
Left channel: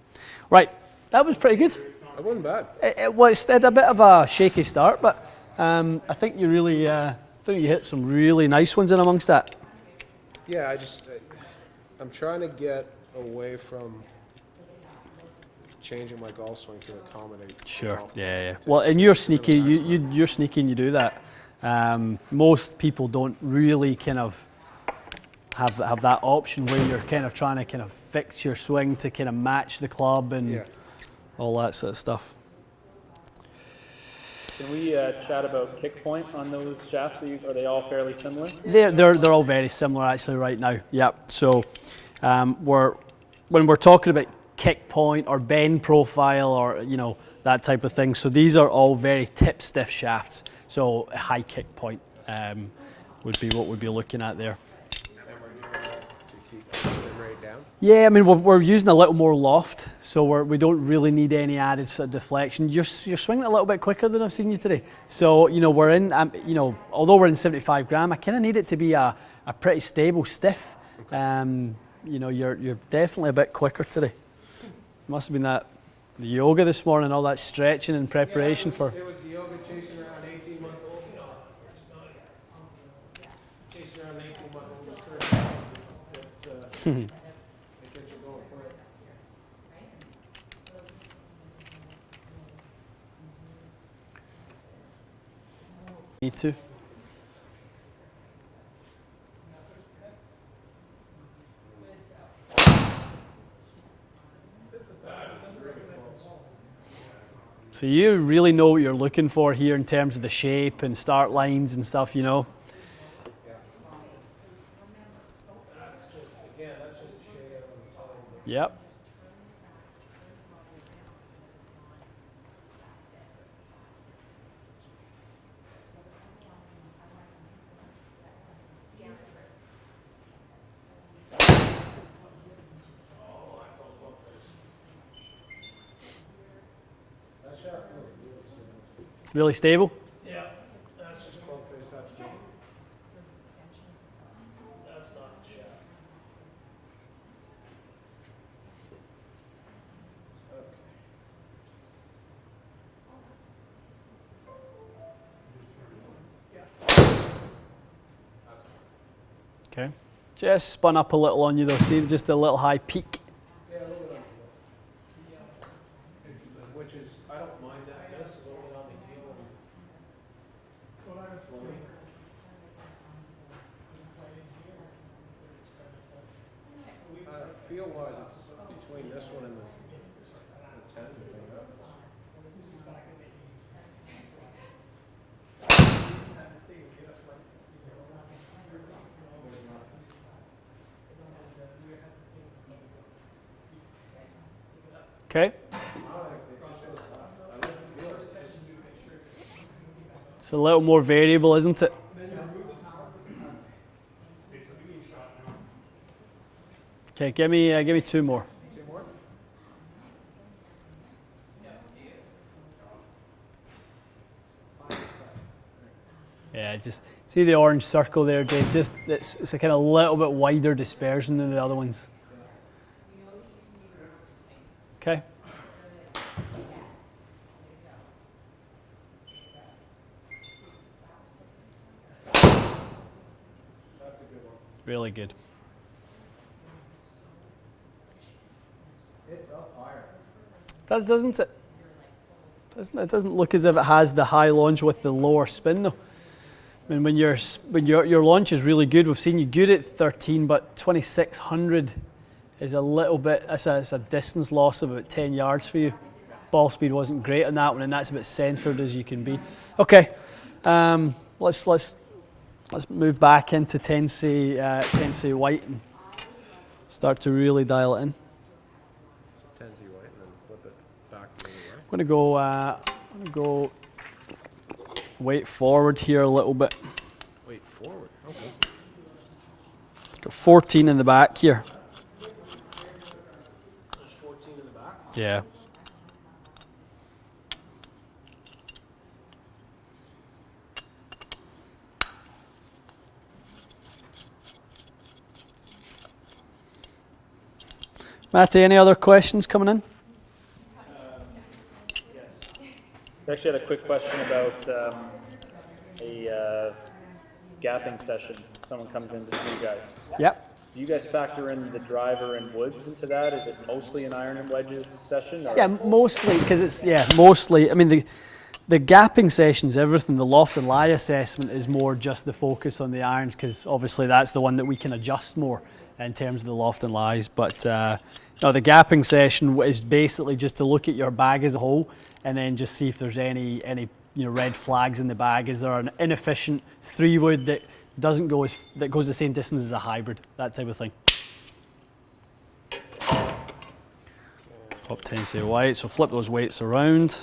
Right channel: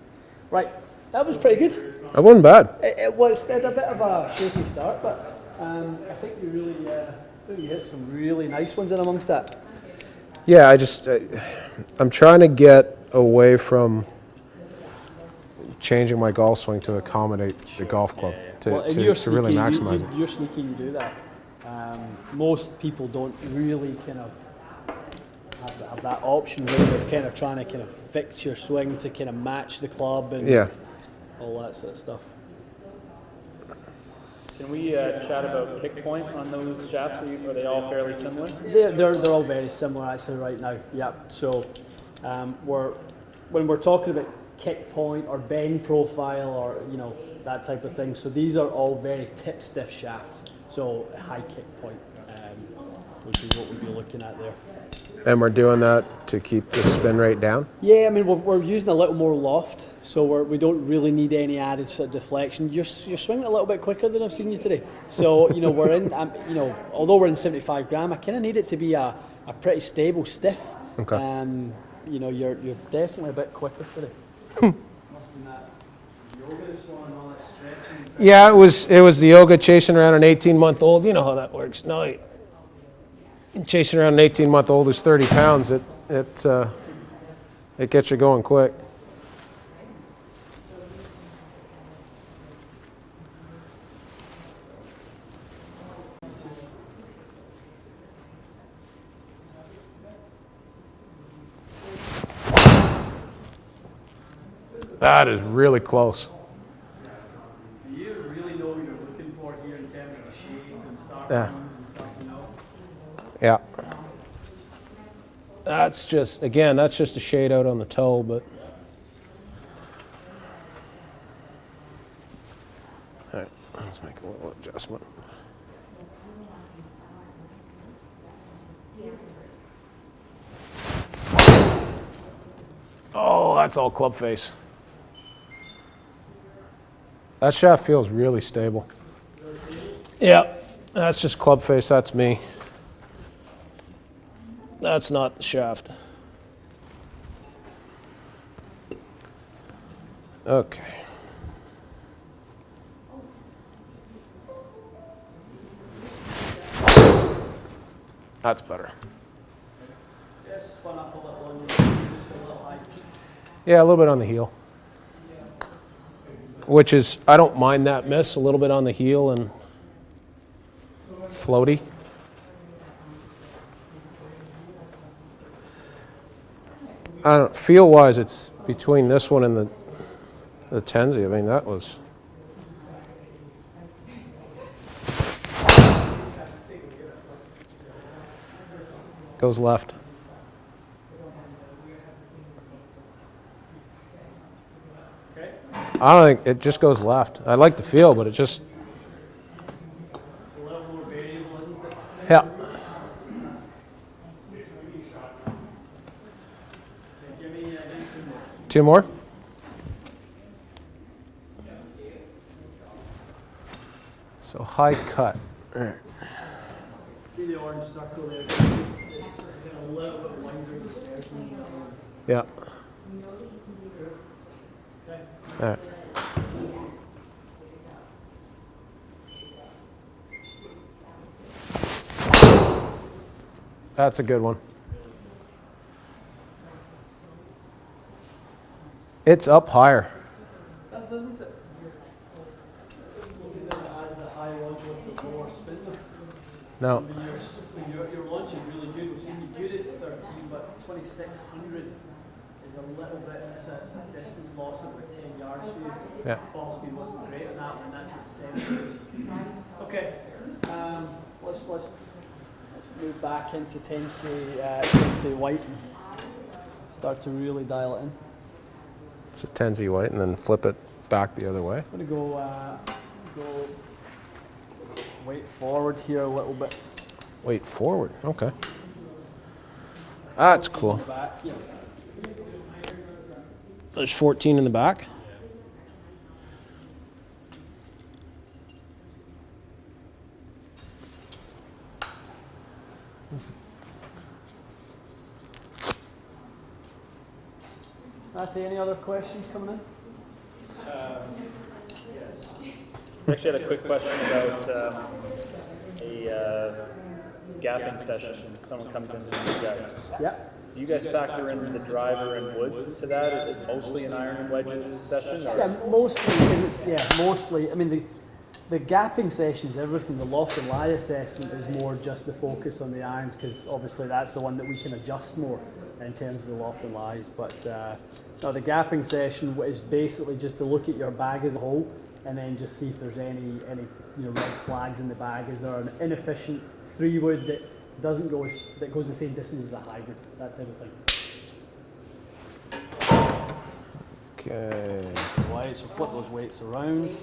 Right. That was pretty good. That wasn't bad. It had a bit of a shaky start, but I think you really, I think you hit some really nice ones in amongst that. Yeah, I'm trying to get away from changing my golf swing to accommodate the golf club. Yeah. To, Well, and to, you're to really sneaky. maximize it. You're sneaky, and you do that. Most people don't really kind of have that option where you're kind of trying to kind of fix your swing to kind of match the club and all that sort of stuff. Can we chat about kick point on those shafts? Are they all fairly similar? They're all very similar actually right now. Yep. So when we're talking about kick point or bend profile or that type of thing. So these are all very tip stiff shafts. So a high kick point would be what we'd be looking at there. And we're doing that to keep the spin rate down? Yeah, I mean, we're using a little more loft, so we don't really need any added sort of deflection. You're swinging a little bit quicker than I've seen you today. So, we're in, although we're in 75 gram, I kind of need it to be a pretty stable stiff. Okay. You're definitely a bit quicker today. Must have been the yoga this morning, all that stretching and preparation. Yeah, it was the yoga chasing around an 18-month-old. You know how that works. No, chasing around an 18-month-old who's 30 pounds, it gets you going quick. Need to. That is really close. So you really know what you're looking for here in terms of the shape and start lines and stuff, Yeah. That's just a shade out on the toe, but Yep. All right, let's make a little adjustment. Oh, that's all club face. That shaft feels really stable. Really stable? yeah, that's just club face. That's me. That's not the shaft. Okay. That's better. Okay. Just spun up a little on you though, see, just a little high peak. Yeah, a little bit on the heel. Which is, I don't mind that miss, a little bit on the heel and floaty. I don't feel-wise, it's between this one and the Tenzi. I mean, that was. Goes left. Okay. I don't think it just goes left. I like the feel, but it just. It's a little more variable, isn't it? Yeah. Okay, give me two more. Two more. So high cut. Yeah, just see the orange circle there, Dave. Just it's a kind of little bit wider dispersion than the other ones. Yeah. Okay. All right. That's a good one. Really good. It's up higher. Doesn't it? It doesn't look as if it has the high launch with the lower spin though. No. And when your launch is really good, we've seen you good at 13, but 2600 is a little bit. It's a distance loss of about 10 yards for you. Yeah. Ball speed wasn't great on that one, and that's about centered as you can be. Okay, let's move back into Tenzi white and start to really dial it in. It's a Tenzi white, and then flip it back the other way. I'm gonna go weight forward here a little bit. Wait, forward. Okay. 14 cool. in the back here. There's 14 in the back. Yeah. Matty, any other questions coming in? I actually had a quick question about a gapping session. Someone comes in to see you guys. Yeah. Do you guys factor in the driver and woods into that? Is it mostly an iron and wedges session? Or? Yeah, mostly because it's mostly. I mean, the gapping sessions, everything. The loft and lie assessment is more just the focus on the irons because obviously that's the one that we can adjust more in terms of the loft and lies. But no, the gapping session is basically just to look at your bag as a whole and then just see if there's any red flags in the bag. Is there an inefficient 3-wood that goes the same distance as a hybrid, that type of thing. Okay. Top tensile white, so flip those weights around.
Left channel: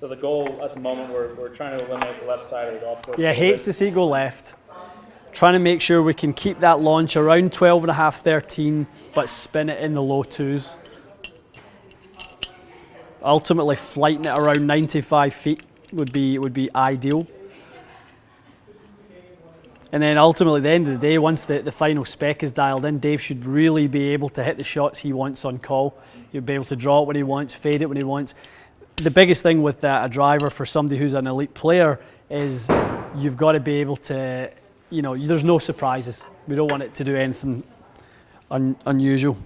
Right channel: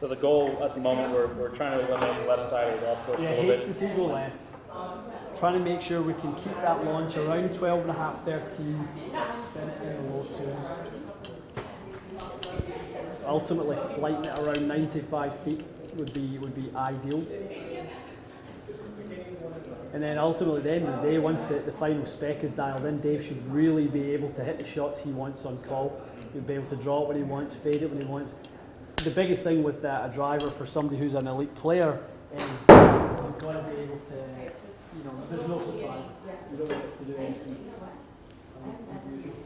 So the goal at the moment, we're trying to eliminate the left side of the golf course. Yeah, hates to see it go left. Trying to make sure we can keep that launch around 12.5, 13, but spin it in the low 2s. Ultimately, flighting it around 95 feet would be ideal. And then ultimately, at the end of the day, once the final spec is dialed in, Dave should really be able to hit the shots he wants on call. He'll be able to draw it when he wants, fade it when he wants. The biggest thing with a driver for somebody who's an elite player is you've got to be able to, there's no surprises. We don't want it to do anything unusual.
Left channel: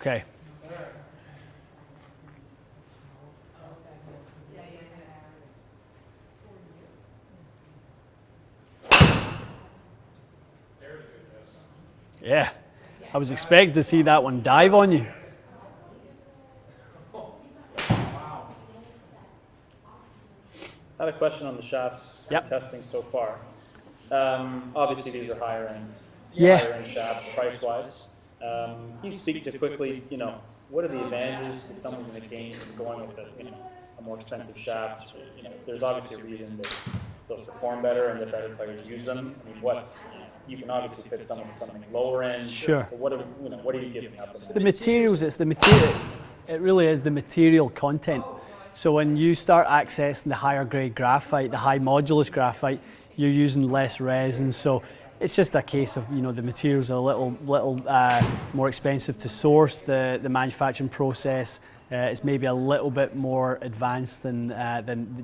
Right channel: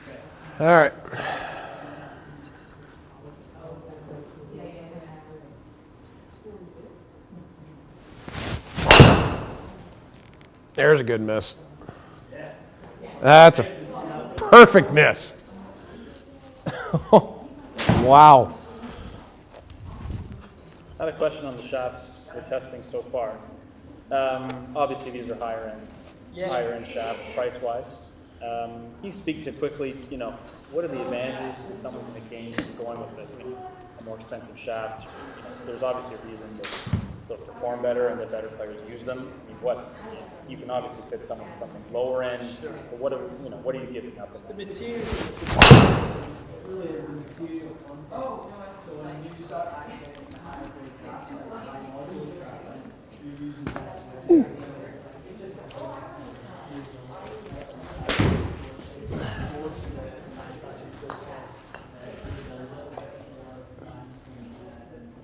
Okay. All right. There's a good miss. Yeah. I was That's expecting to see that one dive Perfect on you. miss. Wow. I had a question on the shafts Yep. testing so far. Obviously, these are higher end shafts price-wise. Can you speak to quickly, what are the advantages that someone's going to gain from going with a more expensive shaft? There's obviously a reason that those perform better and that better players use them. I mean, you can obviously fit someone to something lower end. Sure. But what are you giving up? The materials, it really is the material content. So when you start accessing the higher grade graphite, the high modulus graphite, you're using less resin. So it's just a case of, the materials are a little more expensive to source. The manufacturing process is maybe a little bit more advanced than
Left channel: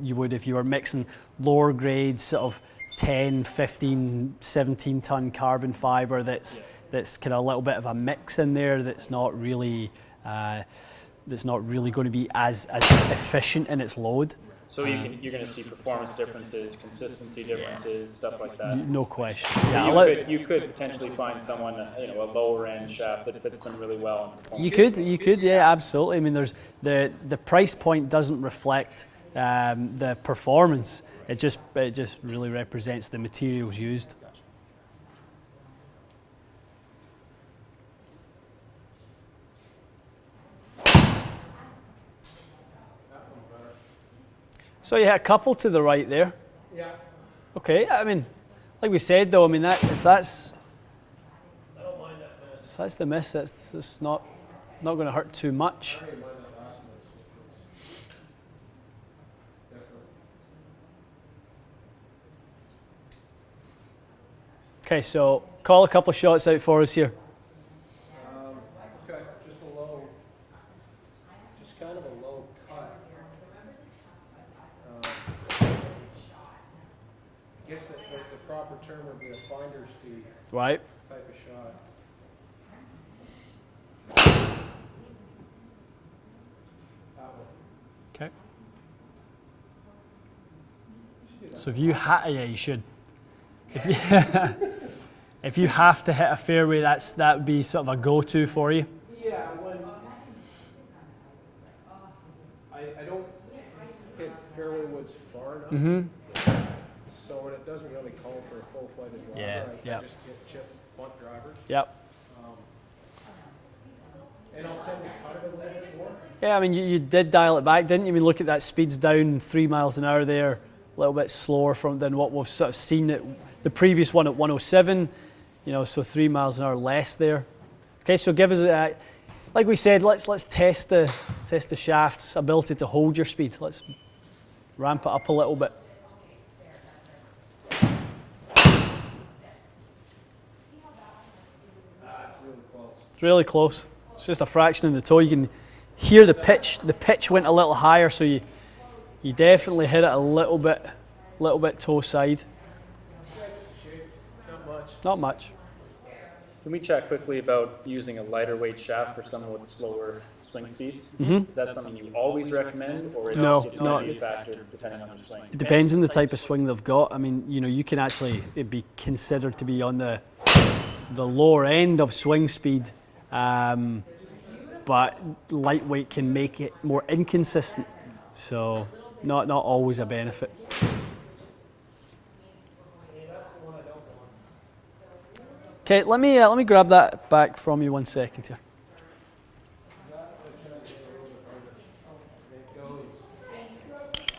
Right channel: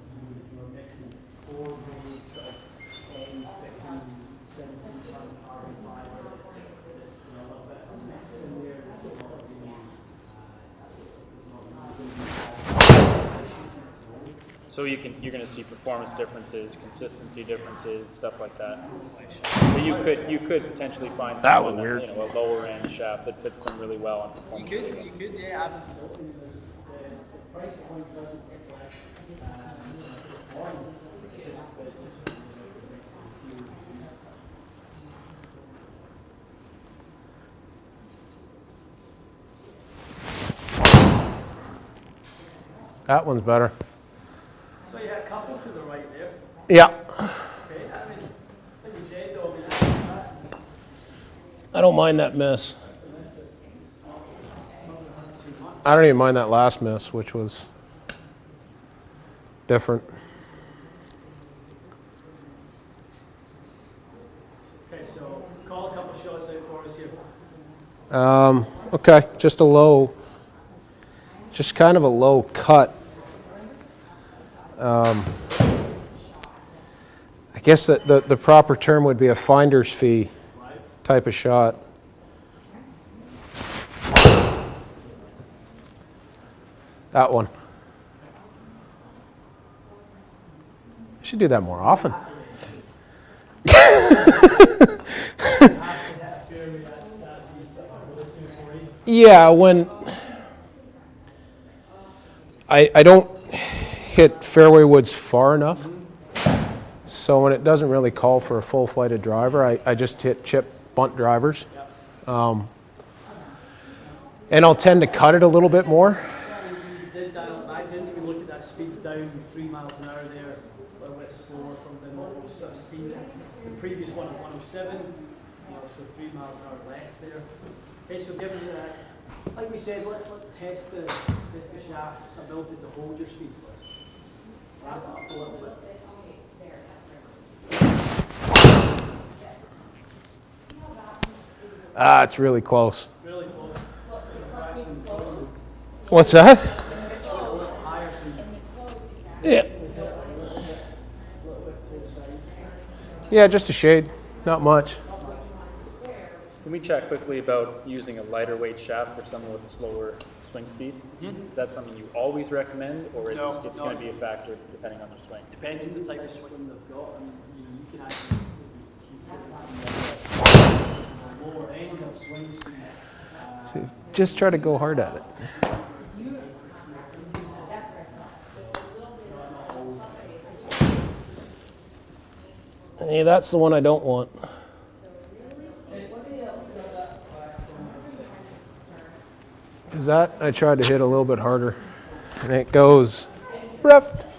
you would if you were mixing lower grades, sort of 10, 15, 17 ton carbon fiber that's kind of a little bit of a mix in there that's not really going to be as efficient in its load. So you're going to see performance differences, consistency differences, stuff like that. No question. So you could potentially find someone a lower end shaft that fits them really well and performs. You could, yeah, absolutely. I mean, there's the price point doesn't reflect the performance. It just really represents the materials used. That one's better. So you had a couple to the right there. Yeah. Okay, I mean, like we said though, I mean that's I don't mind that miss. that's the miss. That's not going to hurt too much. I don't even mind that last miss, which was different. Okay, so call a couple of shots out for us here. Okay, just kind of a low cut. I guess that the proper term would be a finder's fee Right. type of shot. That one. Okay. Should do that So more if you often. yeah, you should. You have to hit a fairway. That would be sort of a go-to for you. Yeah, when I don't hit fairway woods far enough, so when it doesn't really call for a full flighted driver, I just hit chip bunt drivers. Yep. and I'll tend to cut it a little bit more. Yeah, I mean, you did dial it back, didn't you? I mean, look at that, speed's down 3 miles an hour there, a little bit slower than what we've sort of seen at the previous one at 107, you know, so 3 miles an hour less there. Okay, so give us a, like we said, let's test the shaft's ability to hold your speed. Let's ramp it up a little bit. It's really close. It's really close. It's just a fraction in the toe. You can hear What's the that? pitch. The pitch went a little higher, so you definitely hit it a little bit toe side. Yeah, just a shade, not much. Not much. Can we chat quickly about using a lighter weight shaft for someone with slower swing speed? Is that something you always recommend, or it's No, going no. to be a factor depending on their swing? It depends on the type of swing they've got. I mean, you know, you can actually it'd be considered to be on the lower end of swing speed. Just try to go hard at But it. lightweight can make it more inconsistent, so not always a benefit. Hey, that's the one I don't want. Okay, let me grab that back from you 1 second here. Is that? I tried to hit a little bit harder, and it goes left.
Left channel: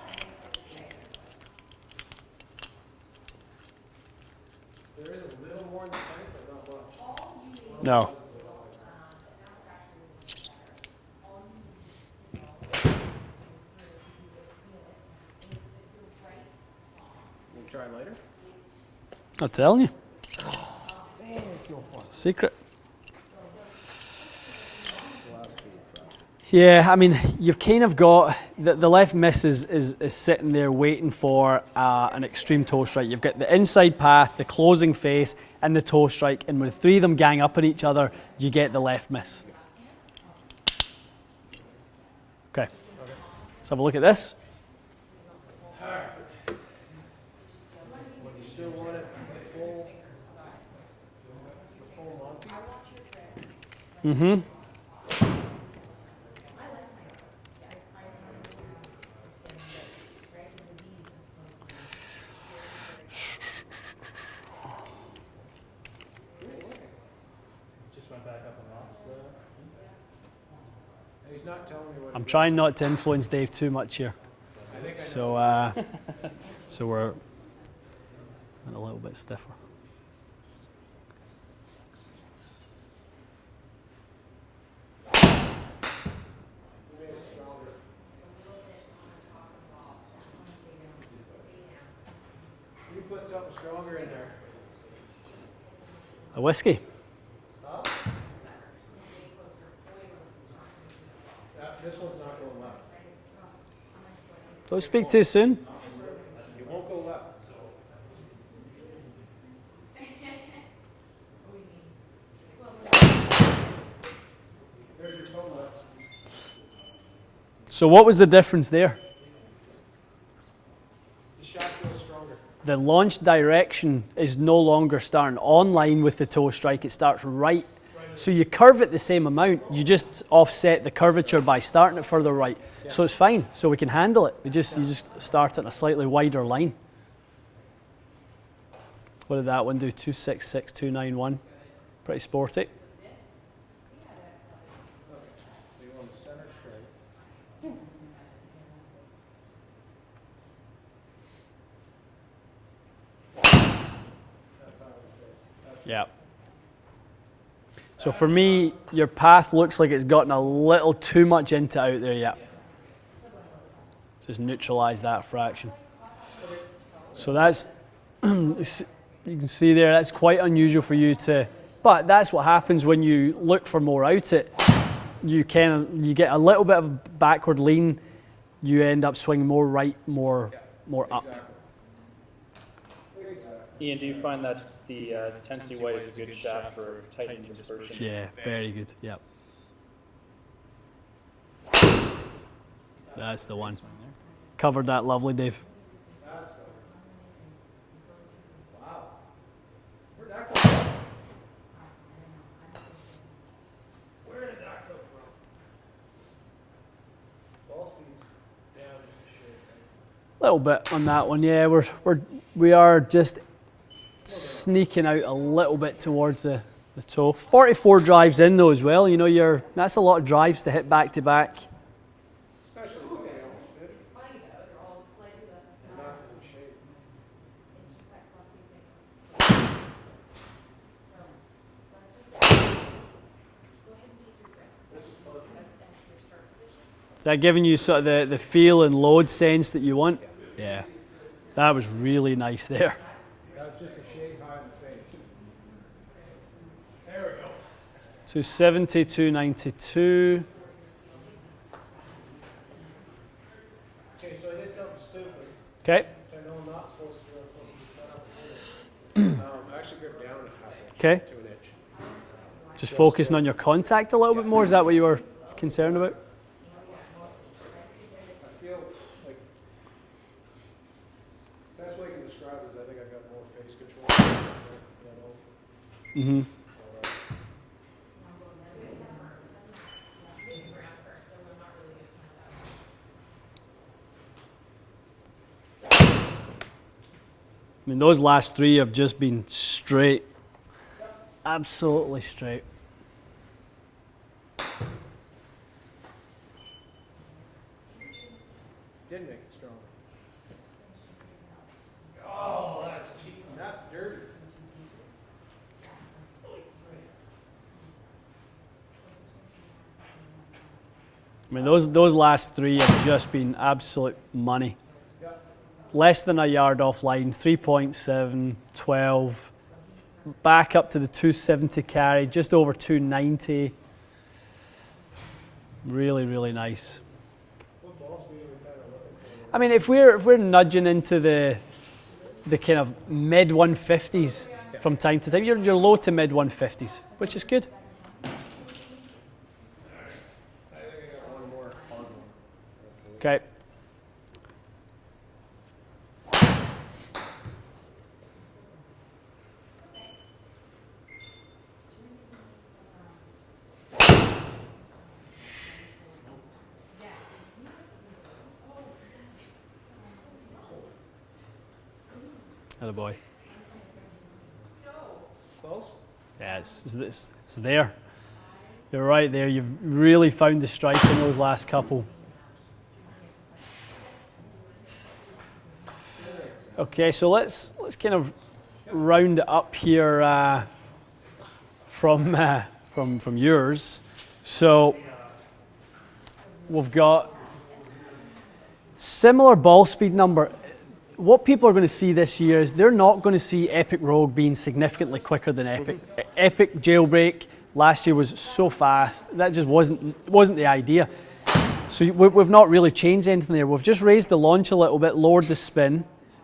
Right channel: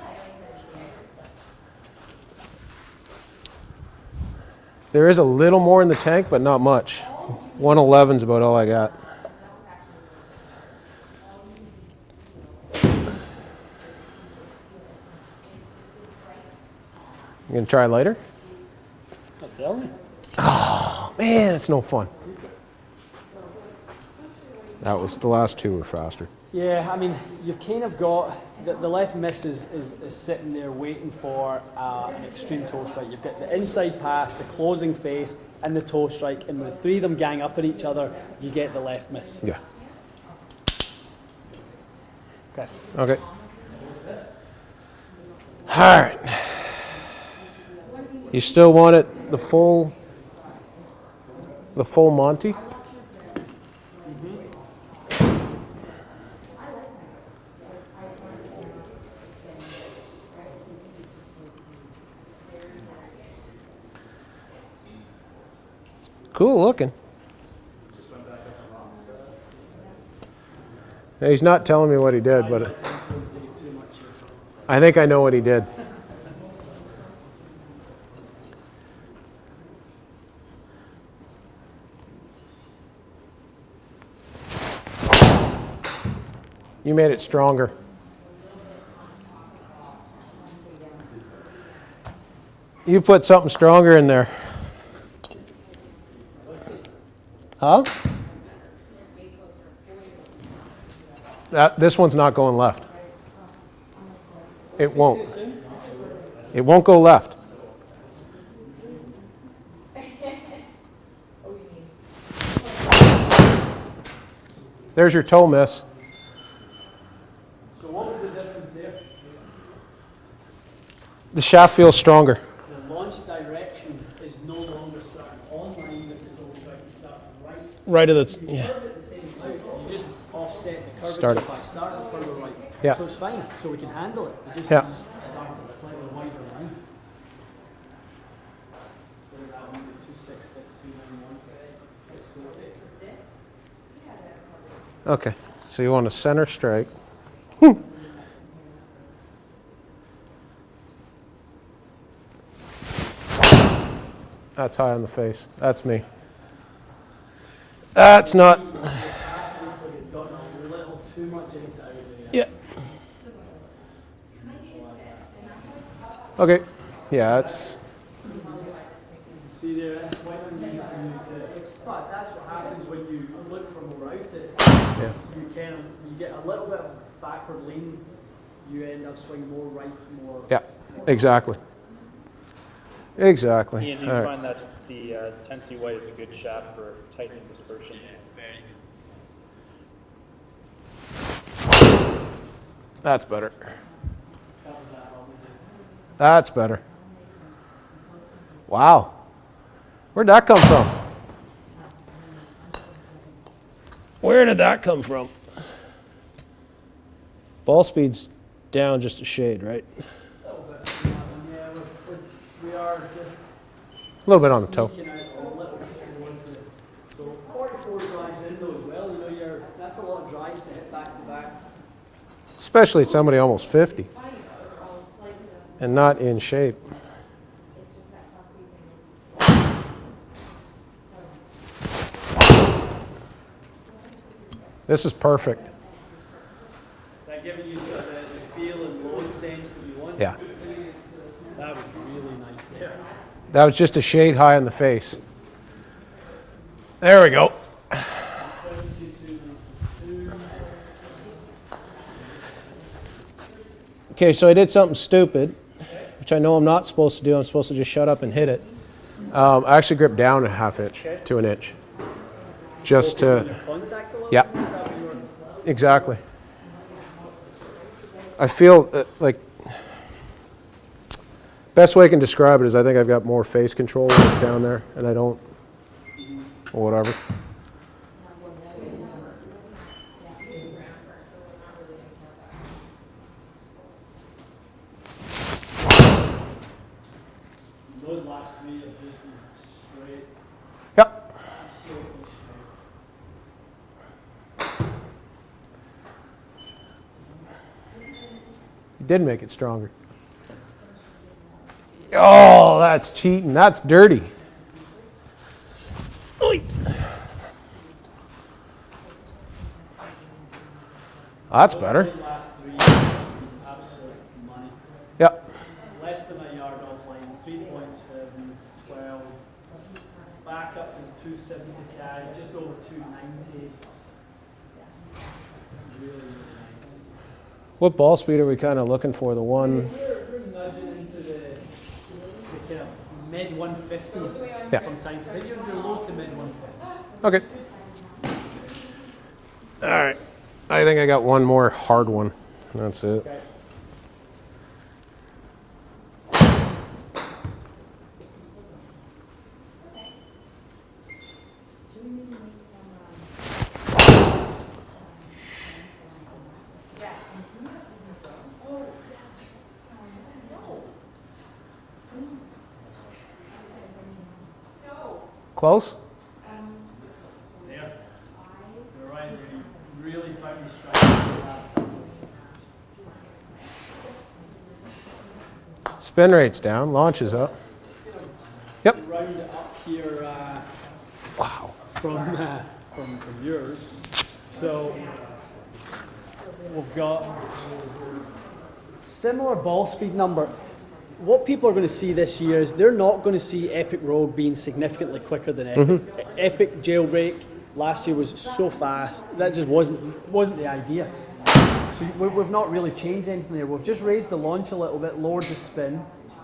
There is a little more in the tank, but not much. 111's about all I got. You gonna try lighter? I'm telling you, Man, it's no fun. secret. That was the last two were faster. Yeah, I mean, you've kind of got the left miss is sitting there waiting for an extreme toe strike. You've got the inside path, the closing face, and the toe strike, and when the three of them gang up on each other, you get the left miss. Yeah. Okay, Okay. let's have a look at this. All right. You still want it the full Monty? Mm-hmm. Cool looking. Yeah, he's not telling me what he did. Trying but not to influence Dave too much here. I think I know what he did. So we're a little bit stiffer. You made it stronger. You put something stronger in there. A whiskey. Huh? This one's not going left. Don't It speak won't. too soon. It won't go left. There's your toe miss. So what was the difference there? The shaft feels stronger. The launch direction is no longer starting on line with the toe strike. It starts right. Right of the. So you curve it the same amount. You just offset the curvature Start. by starting it further right. Yeah. So it's fine. So we can handle it. You Yeah. just start at a slightly wider line. What did that one do? 266, 291. Pretty sporty. Okay. So you want a center strike. That's high on the face. That's me. Yeah. That's For not. me, your path looks like it's gotten a little too much into out there yet. Yeah. Just neutralize that fraction. Okay. Yeah. So you can see there, that's quite unusual for you to, but that's what happens when you look for more out it. You get a little bit of backward lean, you end up swinging more right, more up. Exactly. Exactly. Ian, do you All right. find that the Tennessee White is a good shaft for tightening dispersion? Yeah, very good. Yeah, That's that's better. the one. Covered that lovely, Dave. That's better. Wow. Where'd that come from? Where did that come from? Ball speed's down just a shade, right? A little bit on that one. Yeah, we are just A little bit on the toe. sneaking out a little bit towards the the toe. 44 drives in though as well. You know, that's a lot of drives to hit back to back. Especially somebody almost 50 and not in shape. This is perfect. Is that giving you sort of the feel and load sense that you want? Yeah. Yeah. That was really nice there. That was just a shade high in the face. There we go. 270, 292. Okay, so I did something stupid, Okay. which I know I'm not supposed to do. I'm supposed to just shut up and hit it. I actually gripped down a half inch Okay. to an inch. Just focusing on your contact a little yeah. bit more? Is that what you were concerned Exactly. about? I feel like best way I can describe it is I think I've got more face control when it's down there, and I don't, or whatever. I mean, those last three have just been straight. Yep. Absolutely straight. Did make it stronger. Oh, that's cheating. That's dirty. Oy. That's better. Those last three have just been absolute money. Yep. Less than a yard offline, 3.7, 12. Back up to the 270 carry, just over 290. Really, really nice. What ball speed are we kind of looking for? The one. I mean, if we're nudging into the kind of mid 150s Yeah. from time to time, you're low to mid 150s, which Okay. is good. All right. I think I got one more hard one. That's it. Okay. Atta boy. Close? Yeah, it's there. You're right there. You've really found the strike in those last couple. Spin rate's down. Okay, Launch so is up. let's kind of Yep. round it up here. Wow. From yours. So we've got similar ball speed number. What people are going to see this year is they're not going to see Epic Rogue being significantly quicker than Epic. Epic Jailbreak last year was so fast. That just wasn't the idea. So we've not really changed anything there. We've just raised the launch a little bit, lowered the spin.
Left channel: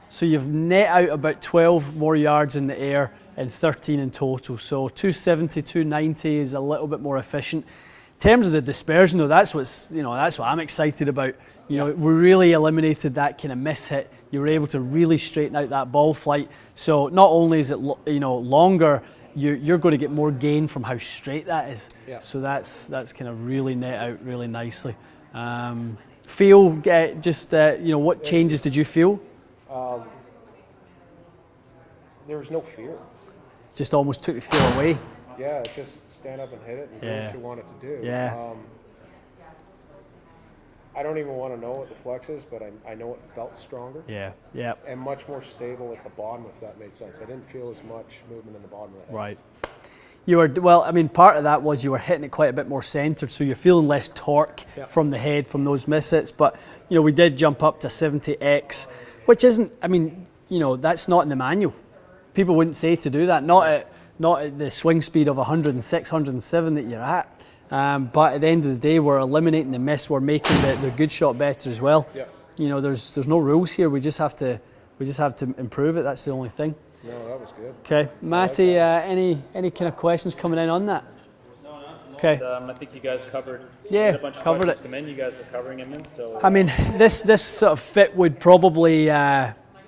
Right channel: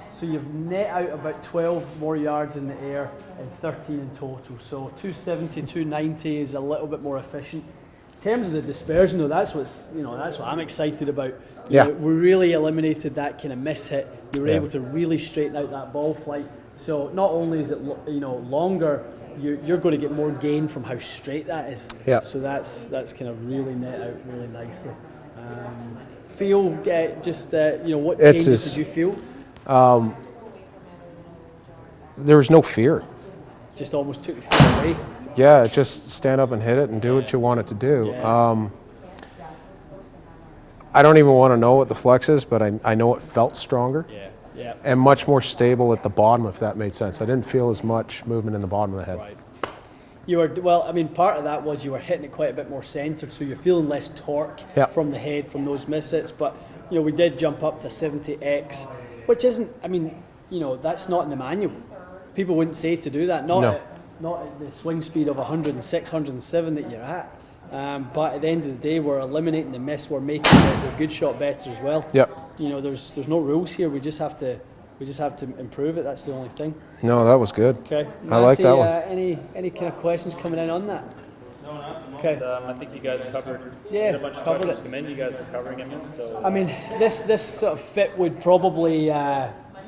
So you've net out about 12 more yards in the air and 13 in total. So 270, 290 is a little bit more efficient. In terms of the dispersion though, that's what I'm excited about. Yeah. We really eliminated that kind of miss hit. You were able to really straighten out that ball flight. So not only is it longer, you're going to get more gain from how straight that is. Yeah. So that's kind of really net out really nicely. Feel what changes did you feel? There was no fear. Just almost took the fear away. Yeah, just stand up and hit it and do what you want it to do. Yeah. I don't even want to know what the flex is, but I know it felt stronger Yeah. and much more stable at the bottom, if that made sense. I didn't feel as much movement in the bottom of the head. Right. Part of that was you were hitting it quite a bit more centered, so you're feeling less torque from the head from those miss hits. But we did jump up to 70x, which isn't. That's not in the manual. People wouldn't say to do that. Not at the swing speed of 106, 107 that you're at. But at the end of the day, we're eliminating the miss. We're making the good shot better as well. Yep. There's no rules here. We just have to improve it. That's the only thing. No, that was good. Okay, I like Matty, that one. any kind of questions coming in on that? Okay. I think you guys covered. Yeah, had a bunch of covered questions it. come in. You guys were covering them, so. I mean, this sort of fit would probably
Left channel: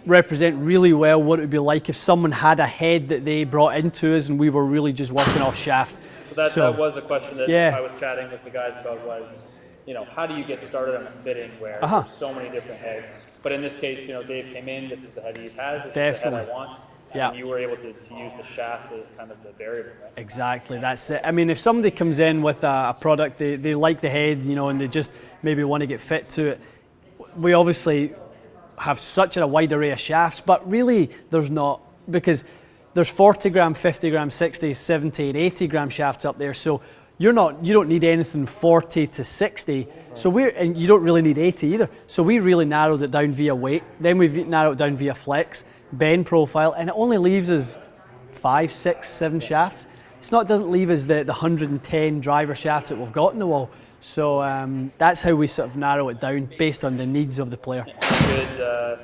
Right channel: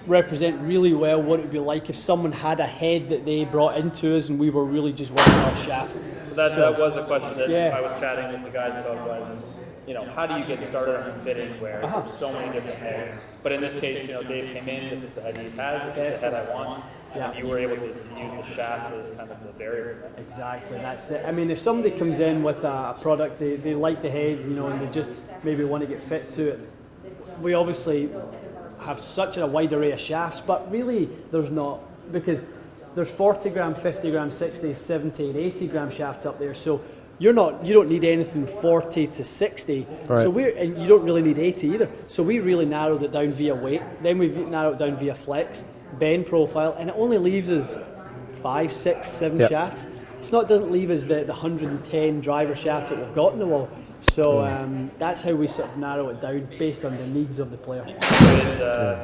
represent really well what it would be like if someone had a head that they brought into us and we were really just working off shaft. So that was a question that Yeah. I was chatting with the guys about was, how do you get started on a fitting where there's so many different heads? But in this case, Dave came in, this is the head he has, this is the head I want. Yeah. And you were able to use the shaft as kind of the variable. Right? Exactly, that's it. I mean, if somebody comes in with a product, they like the head, you know, and they just maybe want to get fit to it, we obviously have such a wide array of shafts, but really there's not, because there's 40 gram, 50 gram, 60, 70, and 80 gram shafts up there. So you don't need anything 40 to 60. Right. So and you don't really need 80 either. So we really narrowed it down via weight. Then we've narrowed it down via flex, bend profile, and it only leaves us 5, 6, 7 Yep. shafts. It doesn't leave us the 110 driver shafts that we've got in the wall. So that's how we sort of narrow it down based on the needs of the player.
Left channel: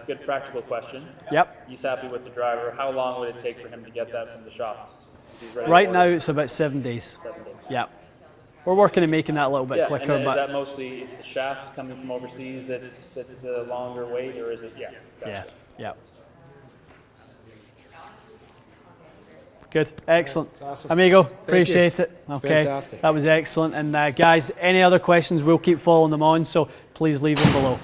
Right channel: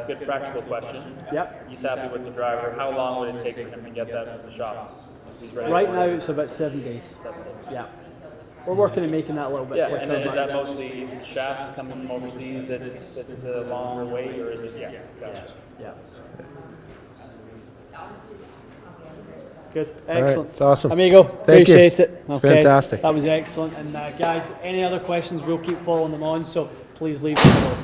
Good practical question. Yep. He's happy with the driver. How long would it take for him to get that from the shop? He's ready Right to now order. it's about 7 days. 7 days. Yeah. We're working on making that a little bit Yeah, quicker. and is but- that mostly the shaft coming from overseas that's the longer weight, or is it? Yeah, gotcha. Yeah. Good. All right, Excellent. it's awesome. Amigo, Thank you. appreciate it. Okay. Fantastic. That was excellent. And guys, any other questions, we'll keep following them on, so please leave them below.